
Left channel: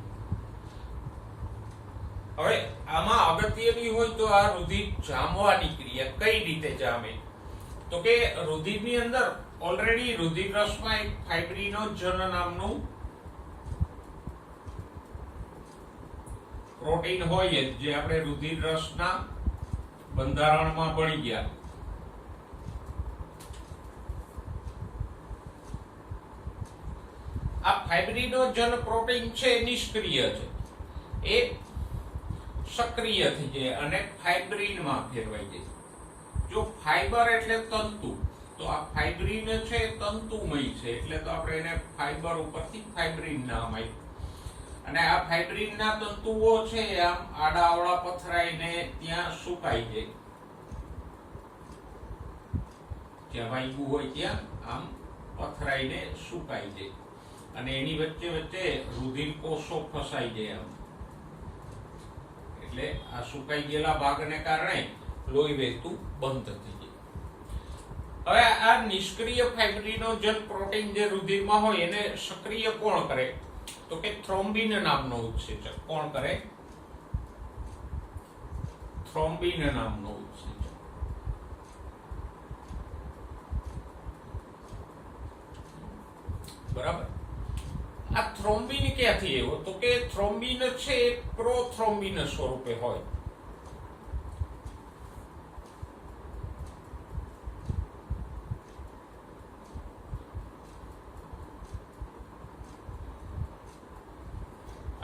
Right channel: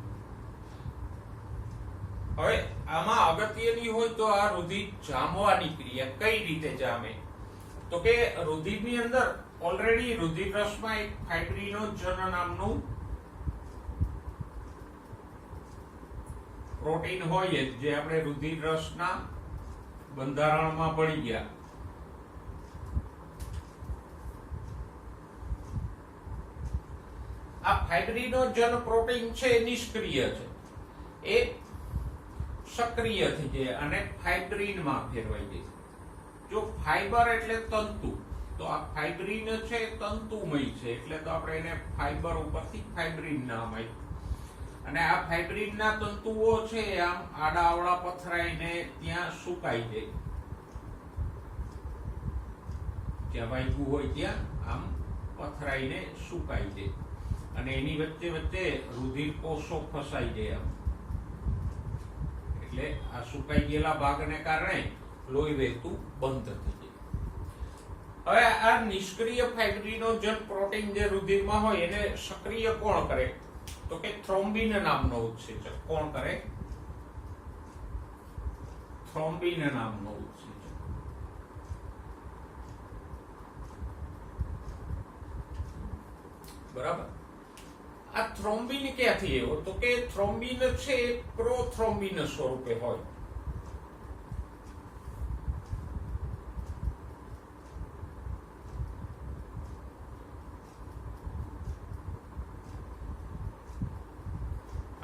હવે આમાં અગત્યની હોય તો આ રુધિર જામવાની ક્રિયા કઈ રીતે જામે, તો કે રુધિરની અંદર ઓલરેડી રુધિર રસમાં એક ફાઇબ્રિનોજન નામનું પ્રોટીન હોય જે આપણે રુધિર રસના બંધારણમાં ભણી ગયા. આ ફાઇબ્રિનોજન પ્રોટીન છે નિષ્ક્રિય છે, એ સક્રિય થઈ જાય અને ફાઇબ્રિનમાં ફેરવાઈ જાય. જો ફાઇબર એટલે તંતુ, તો આ ફાઇબ્રિન છે તંતુમય છે એટલે તો આપણે એને ફાઇબર ઉપરથી ફાઇબ્રિન નામ આપ્યું. અને આ ફાઇબ્રિનના તંતુઓ છે આમ આડાઅવળા પથરાઈને ત્યાં સુકાઈ જાય, જ્યાં વાગ્યું હોય ત્યાં આમ પથરાઈને સુકાઈ જાય અને એની વચ્ચે વચ્ચે રુધિર કોષો ફસાઈ જાય આમ. એટલે આ સુકાઈ ગયેલા ભાગને કારણે લોહી વહેતું બંધ થઈ જાય. હવે આ નિષ્ક્રિય ફાઇબ્રિનોજન પ્રોટીન જે રુધિરમાં હોય એને સક્રિય કોણ કરે? તો કે થ્રોમ્બિન નામનો ઉત્સેચક. કોણ કરે? થ્રોમ્બિન નામનો ઉત્સેચક. બરાબર. આ થ્રોમ્બિન ક્યાંથી આવ્યો? તો કે થ્રોમ્બિન છે એ પ્રોથ્રોમ્બિન સ્વરૂપે હોય.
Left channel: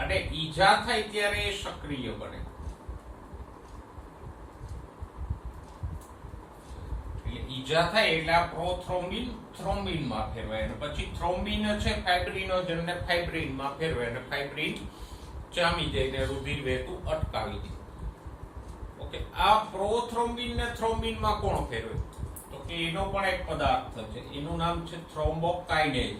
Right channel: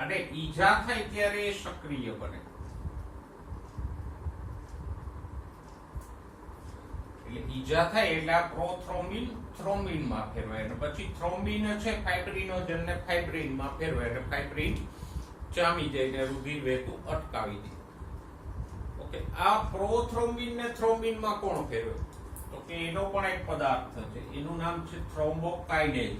અને ઈજા થાય ત્યારે એ સક્રિય બને. એટલે ઈજા થાય એટલે આ પ્રોથ્રોમ્બિન થ્રોમ્બિન માં ફેરવાય અને પછી થ્રોમ્બિન છે ફાઇબ્રિનોજન ને ફાઇબ્રિન માં ફેરવાય અને ફાઇબ્રિન જામી જઈને રુધિર વહેતું અટકાવી દે. ઓકે, આ પ્રોથ્રોમ્બિન ને થ્રોમ્બિન માં કોણ ફેરવે? તો કે એનો પણ એક પદાર્થ છે, એનું નામ છે થ્રોમ્બોકાઇનેઝ.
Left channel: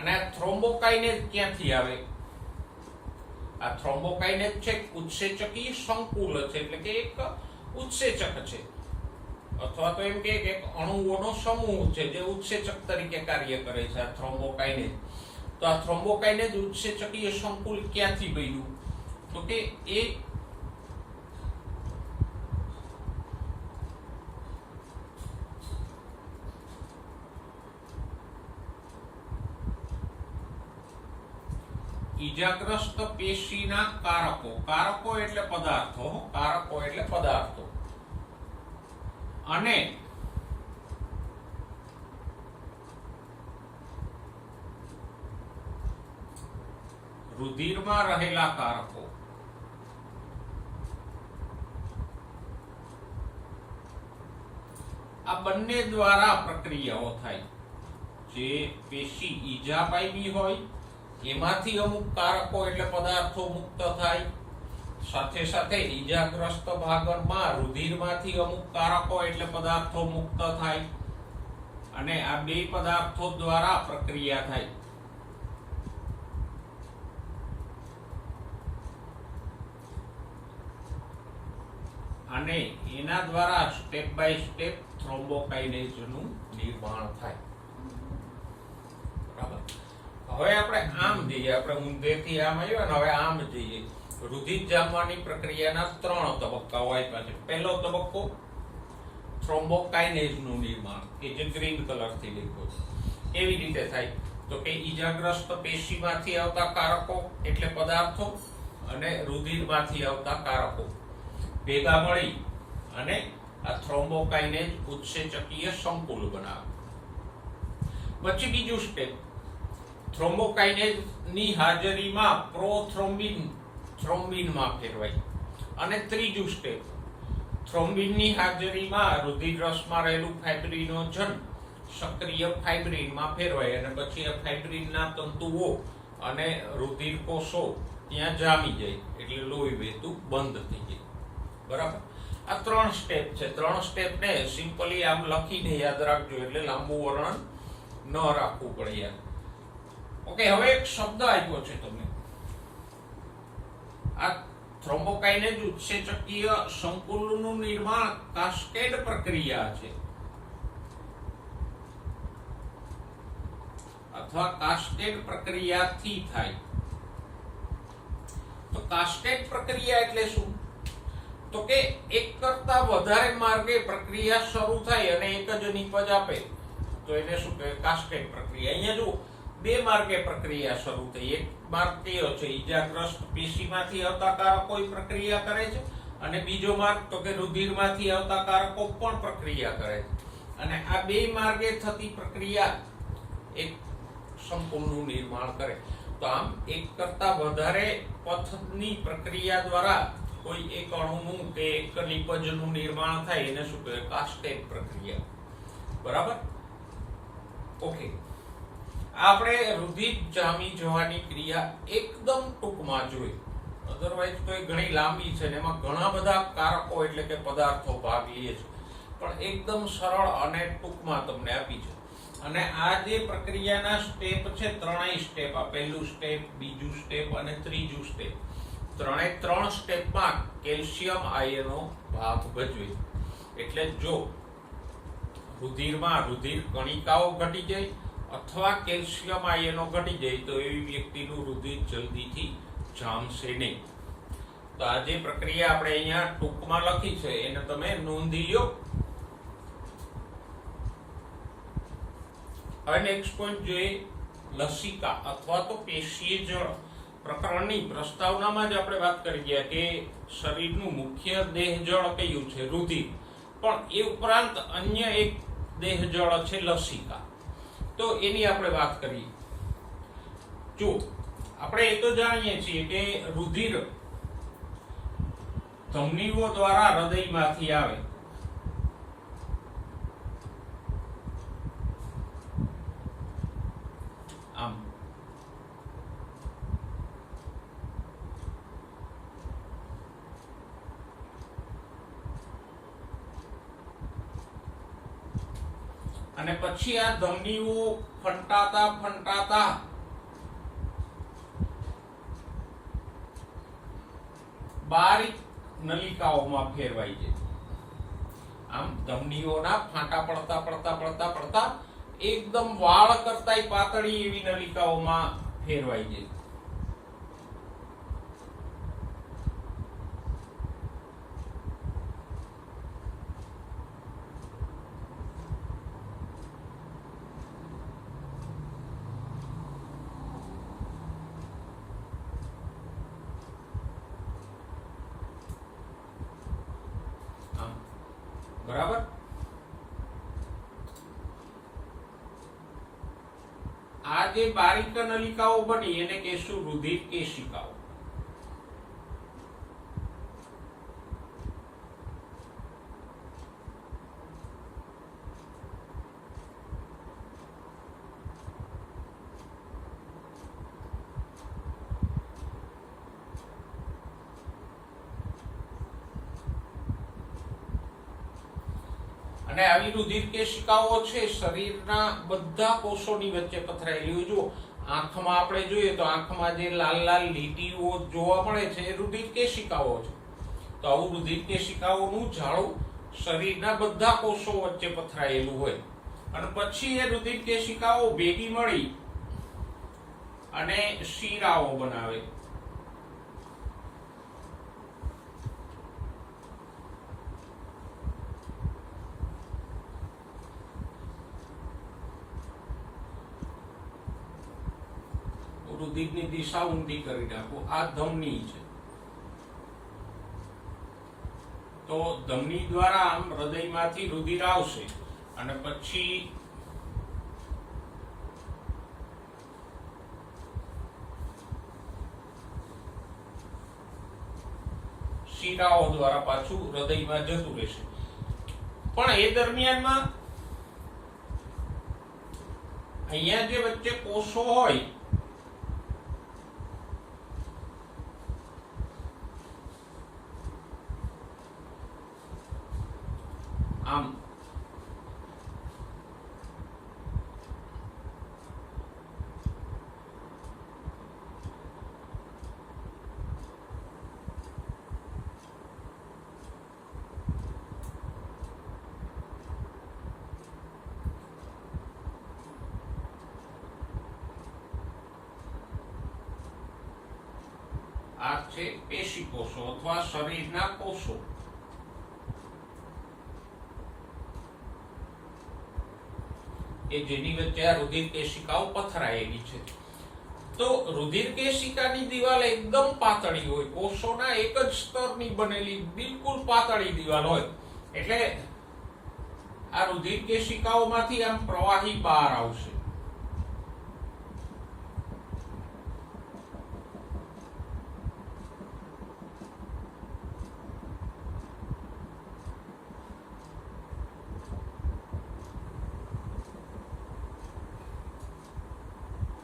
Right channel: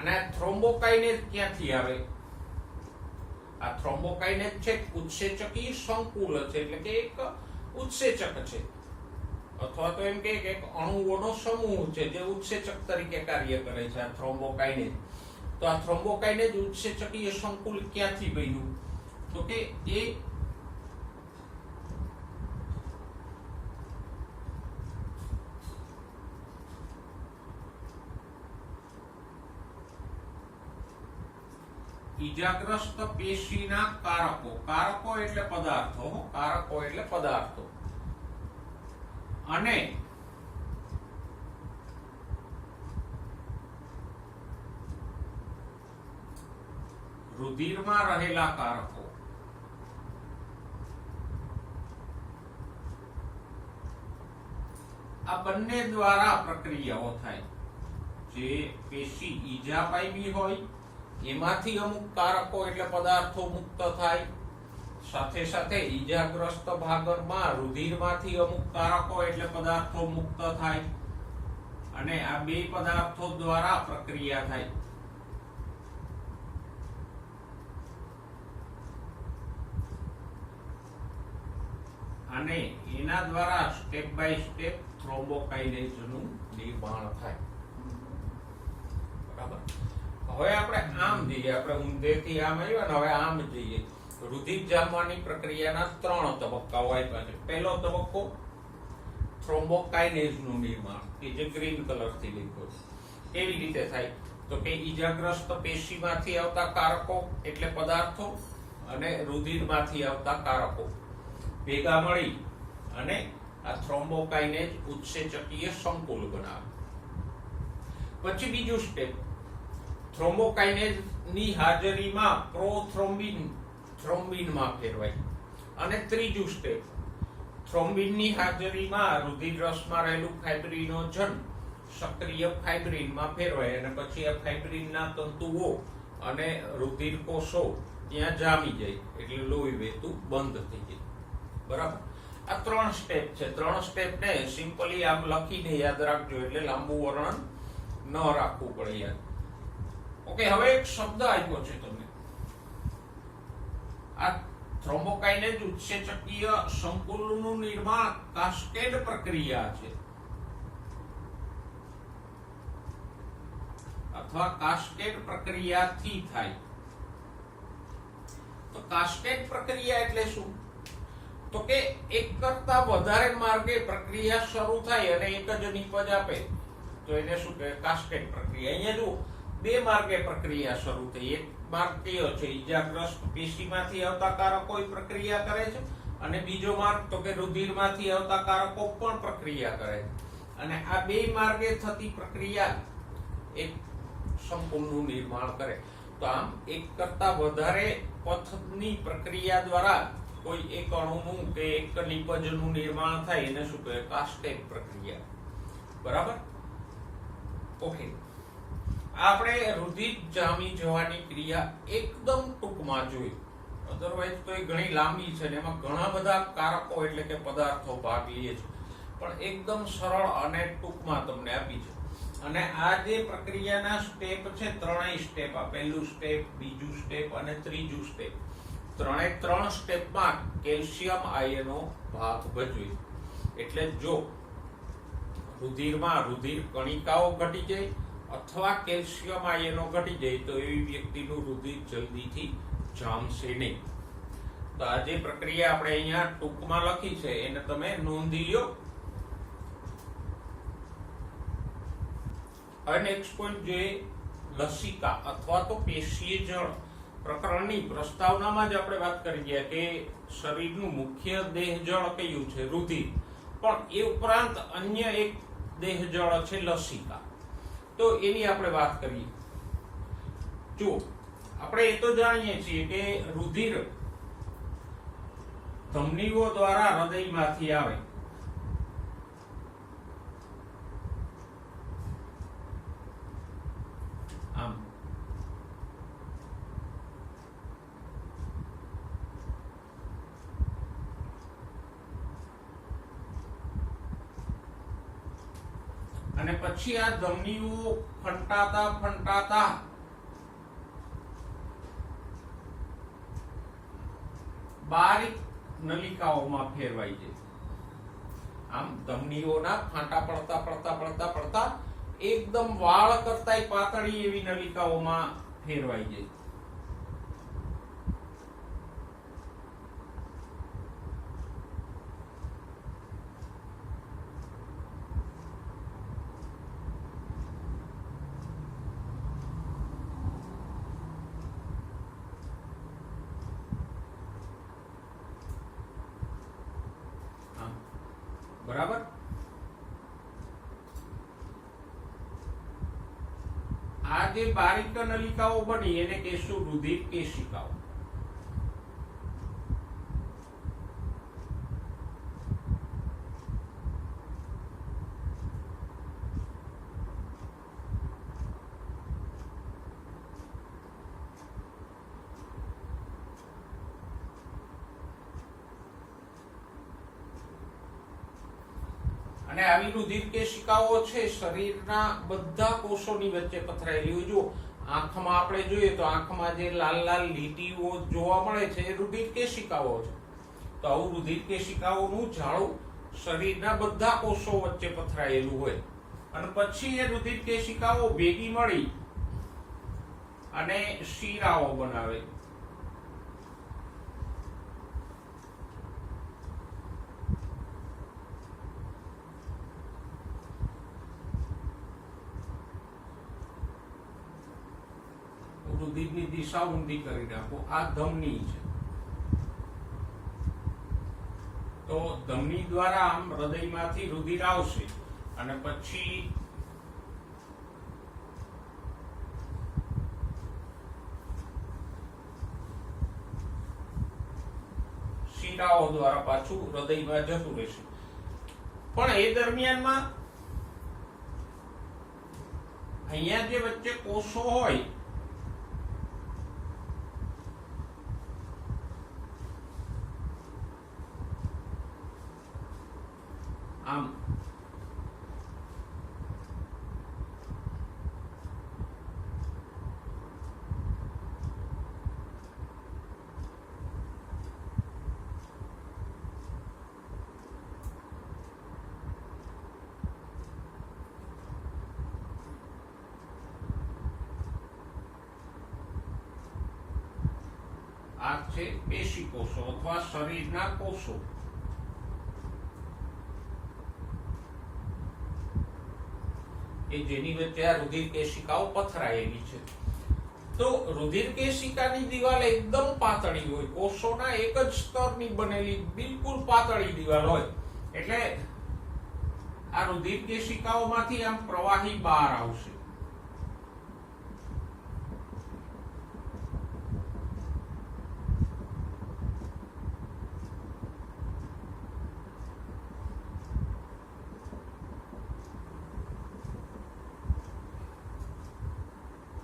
અને આ થ્રોમ્બોકાઇનેઝ ક્યાંથી આવે? આ થ્રોમ્બોકાઇનેઝ છે ઉત્સેચકીય સંકુલ છે, એટલે કે એક ઉત્સેચક છે અથવા તો એમ કે એક અણુઓનો સમૂહ છે જે ઉત્સેચક તરીકે કાર્ય કરે છે. આ થ્રોમ્બોકાઇનેઝ. તો આ થ્રોમ્બોકાઇનેઝ ઉત્સેચકીય સંકુલ ક્યાંથી બન્યું? તો કે એ ઈજાગ્રસ્ત પેશીના કારકો. કારકો એટલે પદાર્થો. કારકો એટલે પદાર્થો. અને રુધિરમાં રહેલા કારકો. આ બંને દ્વારા પ્રક્રિયાઓ થાય. જે પેશી ઈજા પામી હોય એમાંથી અમુક કારકો એટલે પદાર્થો મુક્ત થાય, સાથે સાથે ઈજાગ્રસ્ત ભાગમાં રુધિરમાંથી અમુક કારકો એટલે પદાર્થો મુક્ત થાય અને આ બે પદાર્થો દ્વારા પ્રક્રિયા થાય. અને એના દ્વારા સ્ટેપ બાય સ્ટેપ થ્રોમ્બોકાઇનેઝનું નિર્માણ થાય. બરાબર. હવે આપણે આમ જઈએ, આપણે ઊંધેથી આમ આવ્યા ને હવે આમ જઈએ. રુધિર જામવાની પ્રક્રિયાના 3 તબક્કાઓ આપ્યા છે. પહેલો તબક્કો થ્રોમ્બોકાઇનેઝનું નિર્માણ, કે જે ગ્રીન કલરથી લખ્યો છે. કેવી રીતે થાય? તો કે ઈજાગ્રસ્ત પેશીમાંથી આવતા કારકો એટલે પદાર્થો અને રુધિરમાંથી આવતા કારકો ભેગા મળી અને આ થ્રોમ્બોકાઇનેઝ ઉત્સેચકીય સંકુલ બનાવે. પછી બીજું સ્ટેપ, થ્રોમ્બોકાઇનેઝ ની હાજરીમાં પ્રોથ્રોમ્બિન થ્રોમ્બિનમાં ફેરવાય. અને ત્રીજું સ્ટેપ, થ્રોમ્બિન ની હાજરીમાં રુધિર રસમાં રહેલું ફાઇબ્રિનોજન સક્રિય ફાઇબ્રિનમાં ફેરવાય અને પછી આ ફાઇબ્રિનના તંતુઓ અને રુધિર કોષો ત્યાં જામી જાય એટલે લોહી વહેતું બંધ થઈ જાય. બરાબર. આ 3 સ્ટેપ છે. 3 સ્ટેપને સિમ્પલી આમ લખીને યાદ રાખજો, એટલે લાંબુ વર્ણન ન રાખવું પડે યાદ. ઓકે, હવે એક શબ્દ આપ્યો છે તમને. આ થ્રોમ્બોકાઇનેઝ ઉત્સેચકીય સંકુલનું નિર્માણ કાસ્કેડ પ્રક્રિયા છે અથવા કાસ્કેડ પ્રક્રિયાથી થાય. તો કાસ્કેડ પ્રક્રિયા એટલે શું? તો કે એક કરતા વધારે માર્ગે પ્રક્રિયા શરૂ થાય અને એક જ નિપજ આપે તો એને શું કહેવાય? કાસ્કેડ પ્રક્રિયા. અહીંયા જો 2 માર્ગે પ્રક્રિયા શરૂ થઈ. એક માર્ગ કયો છે? ઈજાગ્રસ્ત પેશીમાંથી આવતા કારકો પ્રક્રિયા કરે છે અને બીજો માર્ગ તો કે રુધિરમાંથી આવતા કારકો પણ પ્રક્રિયા કરે છે. અને આ 2 માર્ગે થતી પ્રક્રિયા એક સંકુલનું નિર્માણ કરે. તો આમ એક કરતા વધારે પથની પ્રક્રિયા દ્વારા કોઈ એક અણુનું કે એક નિપજનું નિર્માણ થાય એને શું કહેવાય? કાસ્કેડ પ્રક્રિયા. બરાબર. ઓકે, આપણે રુધિર જામી જવાની ક્રિયા એકદમ ટૂંકમાં જોઈ. અધરવાઇઝ તો એ ઘણી લાંબી છે ને એમાં ઘણા બધા કારકો એટલે કે પદાર્થો ભાગ લે છે, પણ એકદમ સરળ અને ટૂંકમાં તમને આપી છે. અને આ જે પ્રક્રિયાના સ્ટેપ છે, ત્રણેય સ્ટેપ, આ પહેલું સ્ટેપ, બીજું સ્ટેપ અને ત્રીજું સ્ટેપ, ત્રણ સ્ટેપમાં કેલ્શિયમ આયનો ભાગ ભજવે. એટલે જો રુધિરમાં રુધિર કણિકાઓ ઘટી જાય અથવા કેલ્શિયમ આયનો ઘટી જાય તો એવી વ્યક્તિનું રુધિર જલ્દીથી જામશે નહીં. તો આ જે પ્રક્રિયા આપણે અહીંયા ટૂંકમાં લખી છે એને તમે નોંધી લો. હવે નેક્સ્ટ પોઈન્ટ જોઈએ, લસિકા અથવા તો પેશીય જળ પ્રકરણની પ્રસ્તાવનામાં જ આપણે વાત કરી ગયા કે શરીરનું મુખ્ય દેહ જળ કયું છે? રુધિર. પણ એ ઉપરાંત અન્ય એક દેહ જળ છે લસિકા. તો એની આપણે વાત કરીએ. જો આપણે એ તો જાણીએ છીએ કે રુધિર ધમનીઓ દ્વારા હૃદયમાંથી આવે. આમ અને પછી આ ધમનીઓ ફંટાતા બારીક નલિકાઓમાં ફેરવાઈ જાય. આમ ધમનીઓના ફાંટા પડતા એકદમ વાળ કરતાય પાતળી એવી નલિકાઓમાં ફેરવાઈ જાય. બરાબર. આ જે બારીક નલિકાઓ બની એને કહેશું રુધિર કેશિકાઓ. અને આવી રુધિર કેશિકાઓ છે શરીરના બધા કોષોની વચ્ચે પથરાયેલી. જો આંખમાં આપણે જોઈએ તો આંખમાં જે લાલ લાલ લીટીઓ જોવા મળે છે એ રુધિર કેશિકાઓ છે. તો આવું રુધિર કેશિકાઓનું જાળું શરીરના બધા કોષો વચ્ચે પથરાયેલું હોય અને પછી એ રુધિર કેશિકાઓ ભેગી મળી અને શીરાઓ બનાવે. રુધિરની દિશા ઊંધી કરી નાખો. આ ધમની છે. તો ધમની દ્વારા આમ હૃદયમાંથી રુધિર આવશે અને પછી શિરાઓ દ્વારા પાછું હૃદયમાં જતું રહેશે. પણ એ દરમિયાનમાં અહીંયા જે વચ્ચે કોષો હોય આમ આ છે પેશી કોષો અથવા શરીરના કોષો. કે જેની વચ્ચે આ રુધિર કેશિકાઓ પથરાયેલી છે. તો રુધિર કેશિકાની દિવાલ એકદમ પાતળી હોય, કોષોના એક જ સ્તરની બનેલી બિલકુલ પાતળી દિવાલ હોય. એટલે આ રુધિર કેશિકાઓમાંથી આમ પ્રવાહી બહાર આવશે.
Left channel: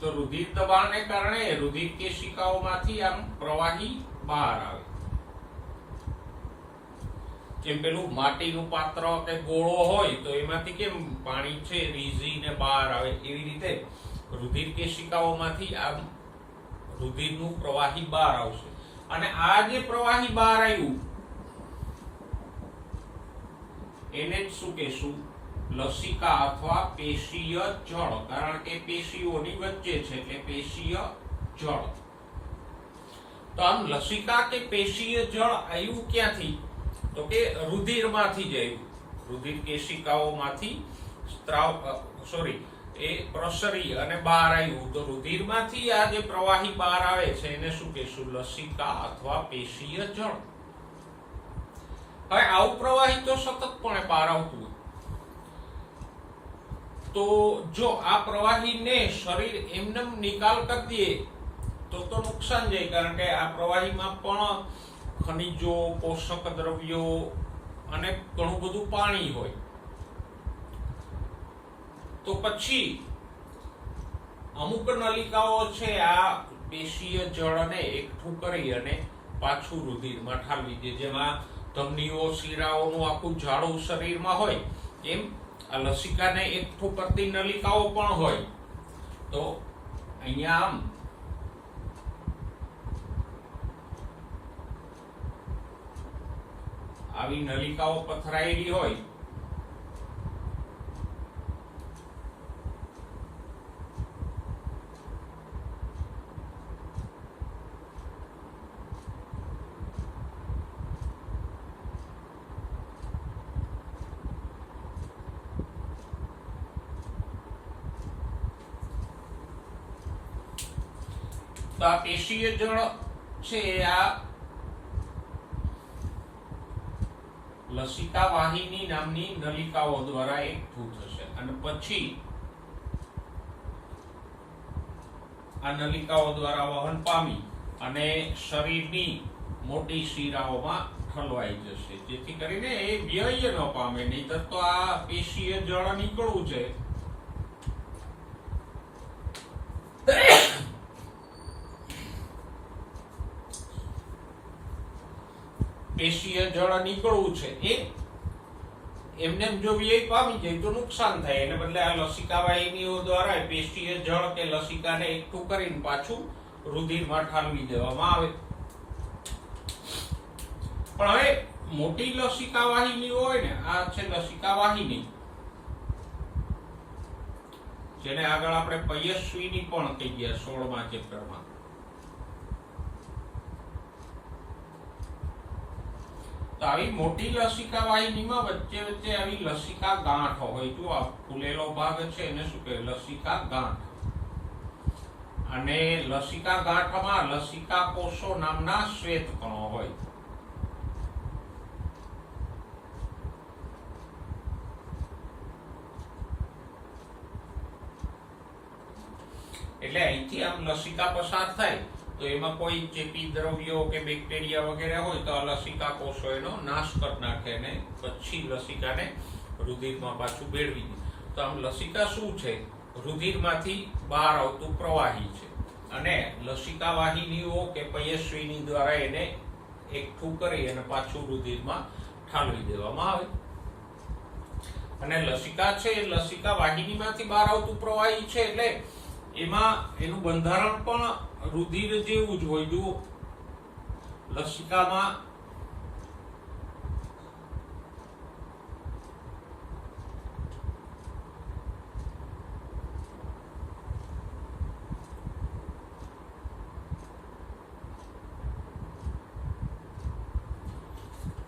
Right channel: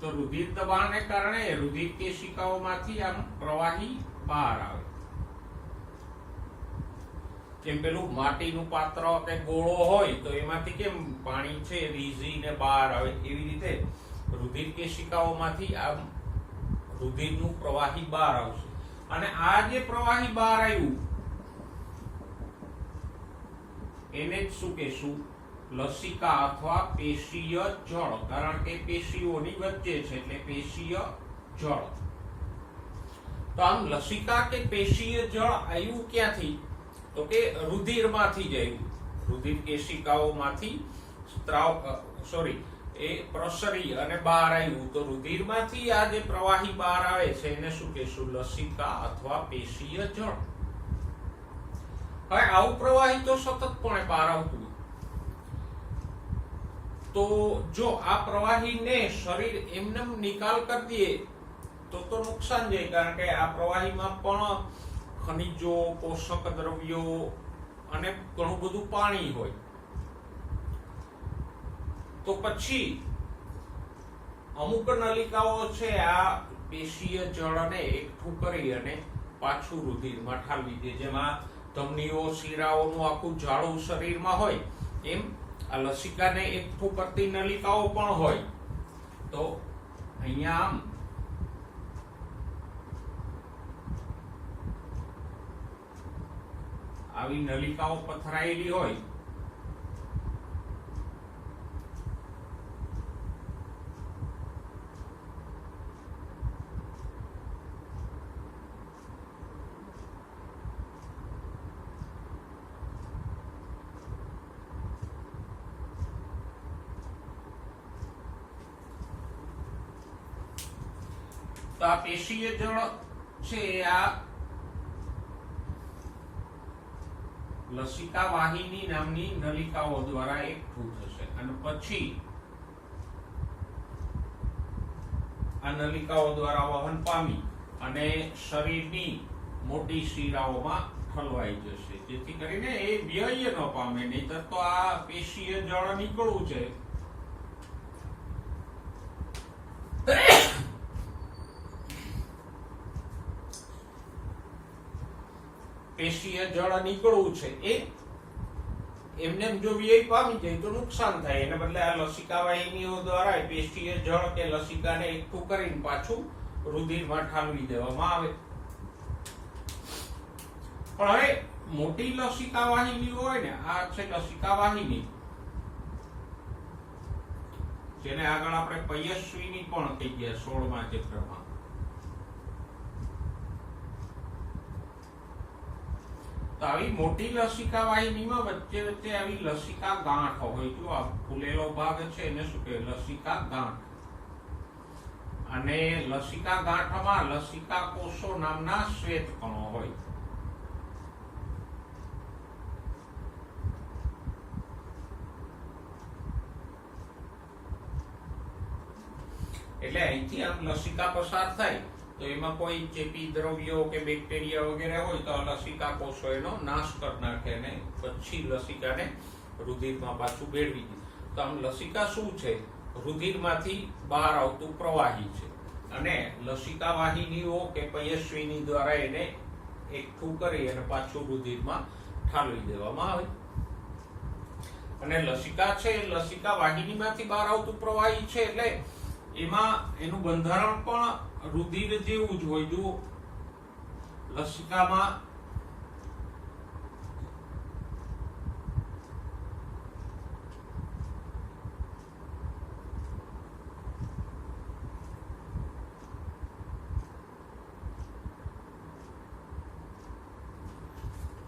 તો રુધિર દબાણને કારણે રુધિર કેશિકાઓમાંથી આમ પ્રવાહી બહાર આવે. જેમ પેલું માટીનું પાત્ર કે ગોળો હોય તો એમાંથી કેમ પાણી છે રીઝીને બહાર આવે, એવી રીતે રુધિર કેશિકાઓમાંથી આ રુધિરનું પ્રવાહી બહાર આવશે. અને આ જે પ્રવાહી બહાર આવ્યું એને જ શું કહેશું? લસિકા અથવા પેશીય જળ, કારણ કે પેશીઓની વચ્ચે છે એટલે પેશીય જળ. તો આમ લસિકા કે પેશીય જળ આવ્યું ક્યાંથી? તો કે રુધિરમાંથી જ આવ્યું. રુધિર કેશિકાઓમાંથી એ પ્રસરી અને બહાર આવ્યું. તો રુધિરમાંથી આ જે પ્રવાહી બહાર આવે છે એને શું કહેશું? લસિકા અથવા પેશીય જળ. હવે આવું પ્રવાહી તો સતતપણે બહાર આવતું હોય, તો જો આ પ્રવાહીને શરીર એમને નિકાલ કરી દે તો નુકસાન જાય, કારણ કે આ પ્રવાહીમાં પણ ખનિજો, પોષક દ્રવ્યો અને ઘણું બધું પાણી હોય. તો પછી અમુક નલિકાઓ છે આ પેશીય જળને એકઠું કરી અને પાછું રુધિરમાં ઠાલવી દે. જેમાં ધમનીઓ, શિરાઓનું આખું જાડું શરીરમાં હોય એમ આ લસિકાને એકઠું કરતી નલિકાઓ પણ હોય. તો અહીંયા આમ આવી નલિકાઓ પથરાયેલી હોય તો આ પેશીય જળ છે આ લસિકા વાહિની નામની નલિકાઓ દ્વારા એકઠું થશે અને પછી આ નલિકાઓ દ્વારા વહન પામી અને શરીરની મોટી શિરાઓમાં ઠલવાઈ જશે, જેથી કરીને એ વ્યય ન પામે. નહીતર તો આ પેશીય જળ નીકળવું છે પેશીય જળ નીકળવું છે એ એમને જો વ્યય પામી જાય તો નુકસાન થાય. એને બદલે આ લસિકા વાહિનીઓ દ્વારા પેશીય જળ કે લસિકાને એકઠું કરીને પાછું રુધિરમાં ઠાલવી દેવામાં આવે. પણ હવે મોટી લસિકા વાહિનીઓ હોય ને, આ છે લસિકા વાહિની, જેને આગળ આપણે પયસ્વીની પણ કહી ગયા 16મા ચેપ્ટરમાં. તો આવી મોટી લસિકા વાહિનીમાં વચ્ચે વચ્ચે આવી લસિકા ગાંઠ હોય. જો આ ફૂલેલો ભાગ છે એને શું કહે? લસિકા ગાંઠ. અને લસિકા ગાંઠમાં લસિકા કોષો નામના શ્વેત કણો હોય. એટલે અહીંથી આમ લસિકા પસાર થાય તો એમાં કોઈ ચેપી દ્રવ્યો કે બેક્ટેરિયા વગેરે હોય તો આ લસિકા કોષો એનો નાશ કરી નાખે અને પછી લસિકાને રુધિરમાં પાછું ભેળવી દે. તો આમ લસિકા શું છે? રુધિરમાંથી બહાર આવતું પ્રવાહી છે અને લસિકા વાહિનીઓ કે પયસ્વીની દ્વારા એને એકઠું કરી અને પાછું રુધિરમાં ઠાલવી દેવામાં આવે. અને લસિકા છે એ લસિકા વાહિનીમાંથી બહાર આવતું પ્રવાહી છે એટલે એમાં એનું બંધારણ પણ રુધિર જેવું જ હોય. જો લસિકામાં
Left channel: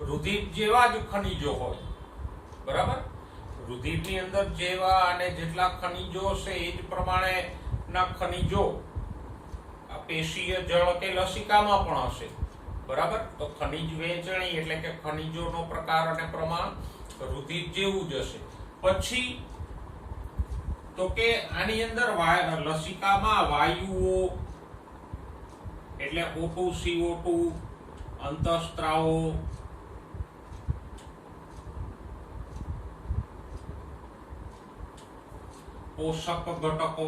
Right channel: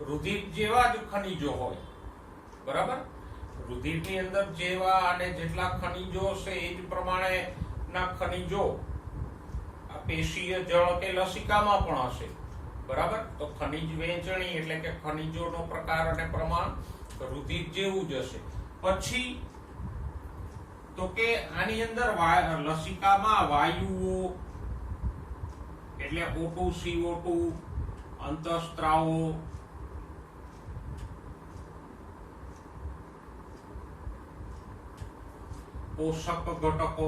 રુધિર જેવા જ ખનિજો હોય, બરાબર? રુધિરની અંદર જેવા અને જેટલા ખનિજો છે એ જ પ્રમાણે ના ખનિજો આ પેશીય જળ કે લસિકામાં પણ હશે, બરાબર? તો ખનિજ વહેંચણી એટલે કે ખનિજોનો પ્રકાર અને પ્રમાણ રુધિર જેવું જ હશે. પછી તો કે આની અંદર લસિકામાં વાયુઓ એટલે O2, CO2, અંતઃસ્ત્રાવો, પોષક ઘટકો,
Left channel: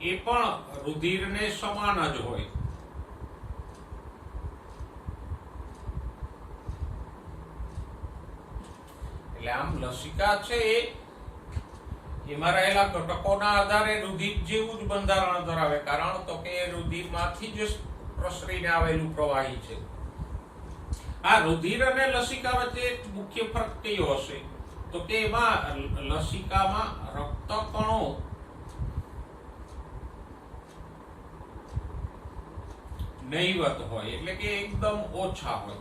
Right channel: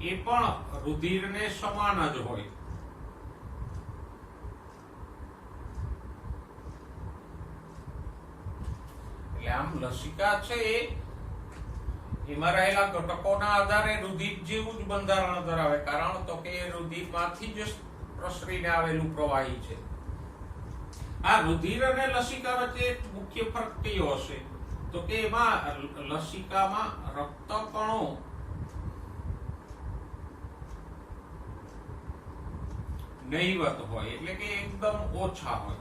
એ પણ રુધિરને સમાન જ હોય. એટલે આમ લસિકા છે એમાં રહેલા ઘટકોના આધારે રુધિર જેવું જ બંધારણ ધરાવે, કારણ તો કે એ રુધિરમાંથી જ પ્રસરીને આવેલું પ્રવાહી છે. આ રુધિર અને લસિકા વચ્ચે એક મુખ્ય ફરક કયો હશે તો કે એમાં લસિકામાં રક્તકણો નહીવત હોય, એટલે કે એકદમ ઓછા હોય,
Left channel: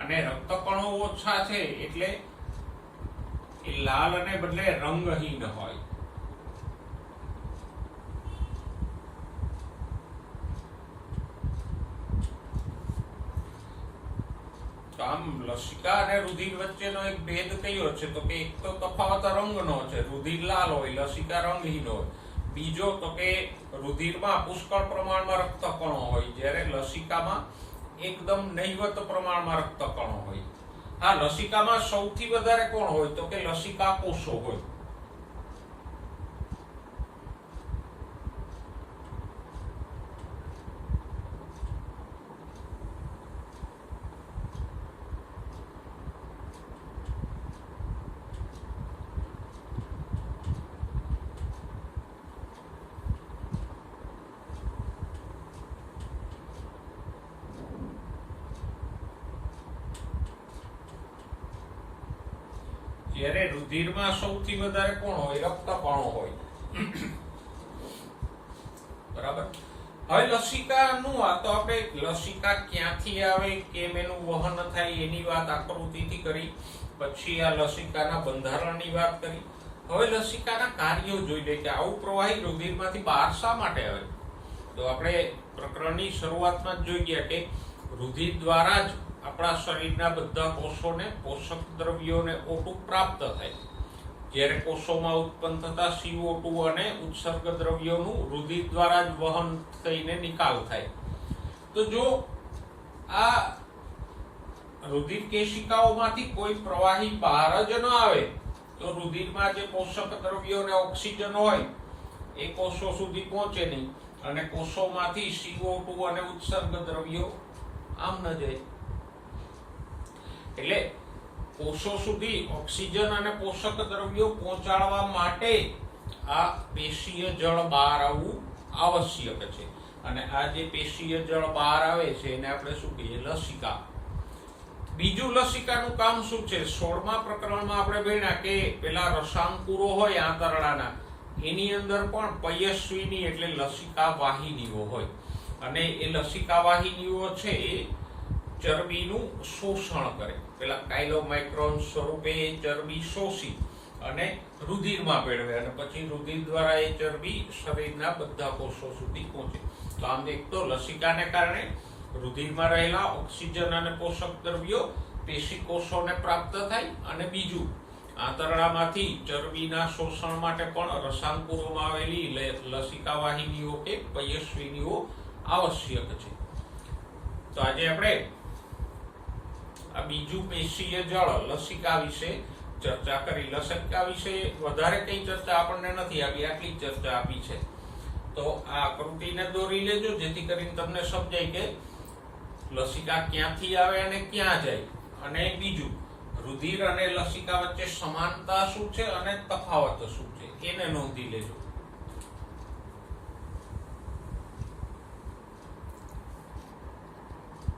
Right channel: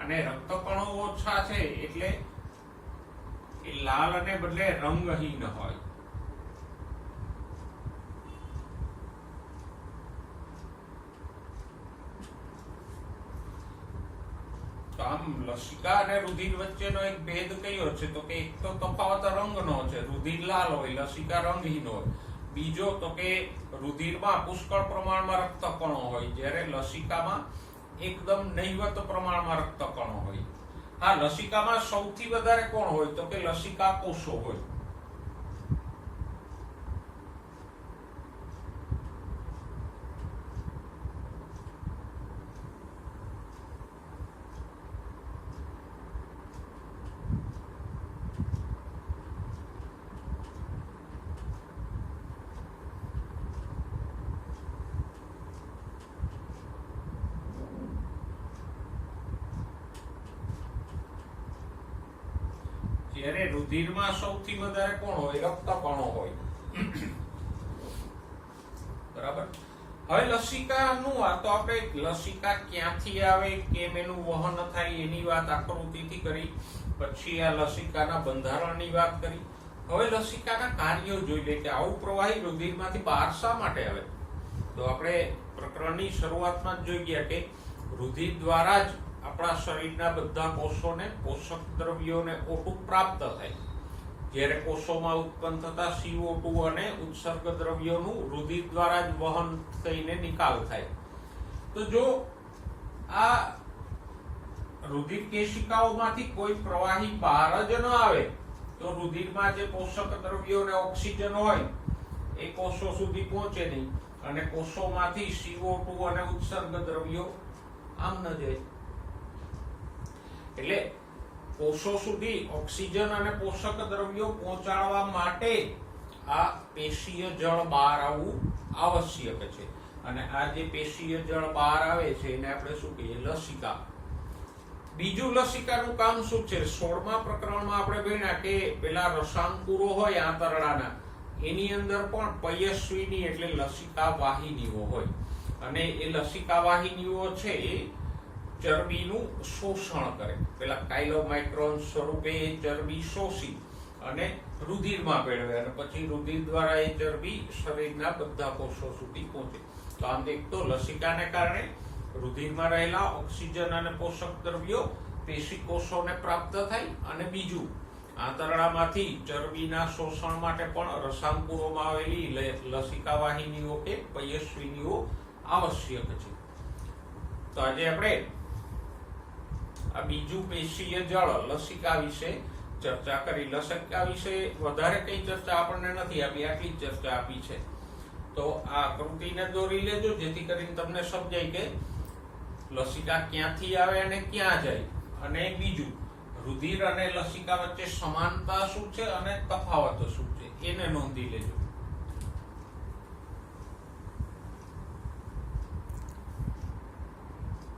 અને રક્તકણો ઓછા છે એટલે એ લાલ અને બદલે રંગહીન હોય. તો આમ લસિકા અને રુધિર વચ્ચેનો એક ભેદ કયો છે તો કે એક તો તફાવત રંગનો છે, રુધિર લાલ હોય, લસિકા રંગહીન હોય. બીજો તો કે રુધિરમાં પુષ્કળ પ્રમાણમાં રક્તકણો હોય, જ્યારે લસિકામાં એકદમ નહીવત પ્રમાણમાં રક્તકણો હોય. આ લસિકામાં સૌથી વધારે કોણ હોય તો કે લસિકા કોષો હોય. જ્યારે રુધિરમાં સૌથી વધારે કોણ હોય રક્તકણો હોય. બરાબર. હવે લસિકાનું આ તો આપણે લસિકા ક્યાંથી આવે, કેમ એનું વહન થાય એની વાત આકૃતિથી કરી, પછી આ લસિકાના બંધારણની વાત કરી. હવે લસિકાના કાર્યો જોઈ લે કે આવું પ્રવાહી રુધિરમાંથી બહાર શા માટે આવે. તો આપણે પ્રકરણની શરૂઆતમાં જ જોઈ ગયા કે રુધિર દ્વારા જ આપણા શરીરના બધા કોષોને પોષક દ્રવ્યોને O2 પ્રાપ્ત થાય. જ્યારે કોષોમાં ઉત્પન્ન થતા CO2 અને ઉત્સર્ગ દ્રવ્યોનું રુધિર દ્વારા જ વહન થઈને નિકાલ થાય. તો જો આ રુધિર કેશિકાઓમાંથી કોઈ પ્રવાહી બહાર જ ન આવે તો રુધિરમાં જે પોષક દ્રવ્યો અને ઓક્સિજન હોય એ કોષો સુધી પહોંચે નહીં, અને કોષોમાંથી CO2 અને ઉત્સર્ગ દ્રવ્યો આમ ન જાય. એટલે કોષો સુધી ઓક્સિજન અને પોષક દ્રવ્યો પહોંચાડવા માટે આ પેશીય જળ બહાર આવવું આવશ્યક છે. અને આ જે પેશીય જળ બહાર આવે છે એને આપણે શું કહીએ લસિકા. બીજું લસિકાનું કામ શું છે, 16મા પ્રકરણમાં આપણે ભણ્યા કે પેલા રસાંકુરો હોય આંતરડાના એની અંદર પણ પયસ્વીની એટલે લસિકા વાહિનીઓ હોય, અને એ લસિકા વાહિનીઓ છે એ ચરબીનું શોષણ કરે. પેલા કાયલોમાઇક્રોન સ્વરૂપે એ ચરબી શોષી અને રુધિરમાં ભેળવે, અને પછી રુધિર દ્વારા એ ચરબી શરીરના બધા કોષો સુધી પહોંચે. તો આમ એક તો લસિકાને કારણે રુધિરમાં રહેલા ઓક્સિજન અને પોષક દ્રવ્યો પેશી કોષોને પ્રાપ્ત થાય, અને બીજું આંતરડામાંથી ચરબીના શોષણ માટે પણ રસાંકુરોમાં આવેલી લસિકા વાહિનીઓ કે પયસ્વીનીઓ આવશ્યક છે. તો આજે આપણે આ બીજું પેશીય જળ લસિકા વિશે ચર્ચા કરી. લસિકા વિશે વધારે કઈ ચર્ચા આપણને નથી આપી, આટલી ચર્ચા આપી છે. તો આ આકૃતિને દોરી લેજો જેથી કરીને તમને સમજાય કે લસિકા ક્યાંથી આવે અને ક્યાં જાય. અને બીજું રુધિર અને લસિકા વચ્ચે સમાનતા શું છે અને તફાવત શું છે એને નોંધી લેજો.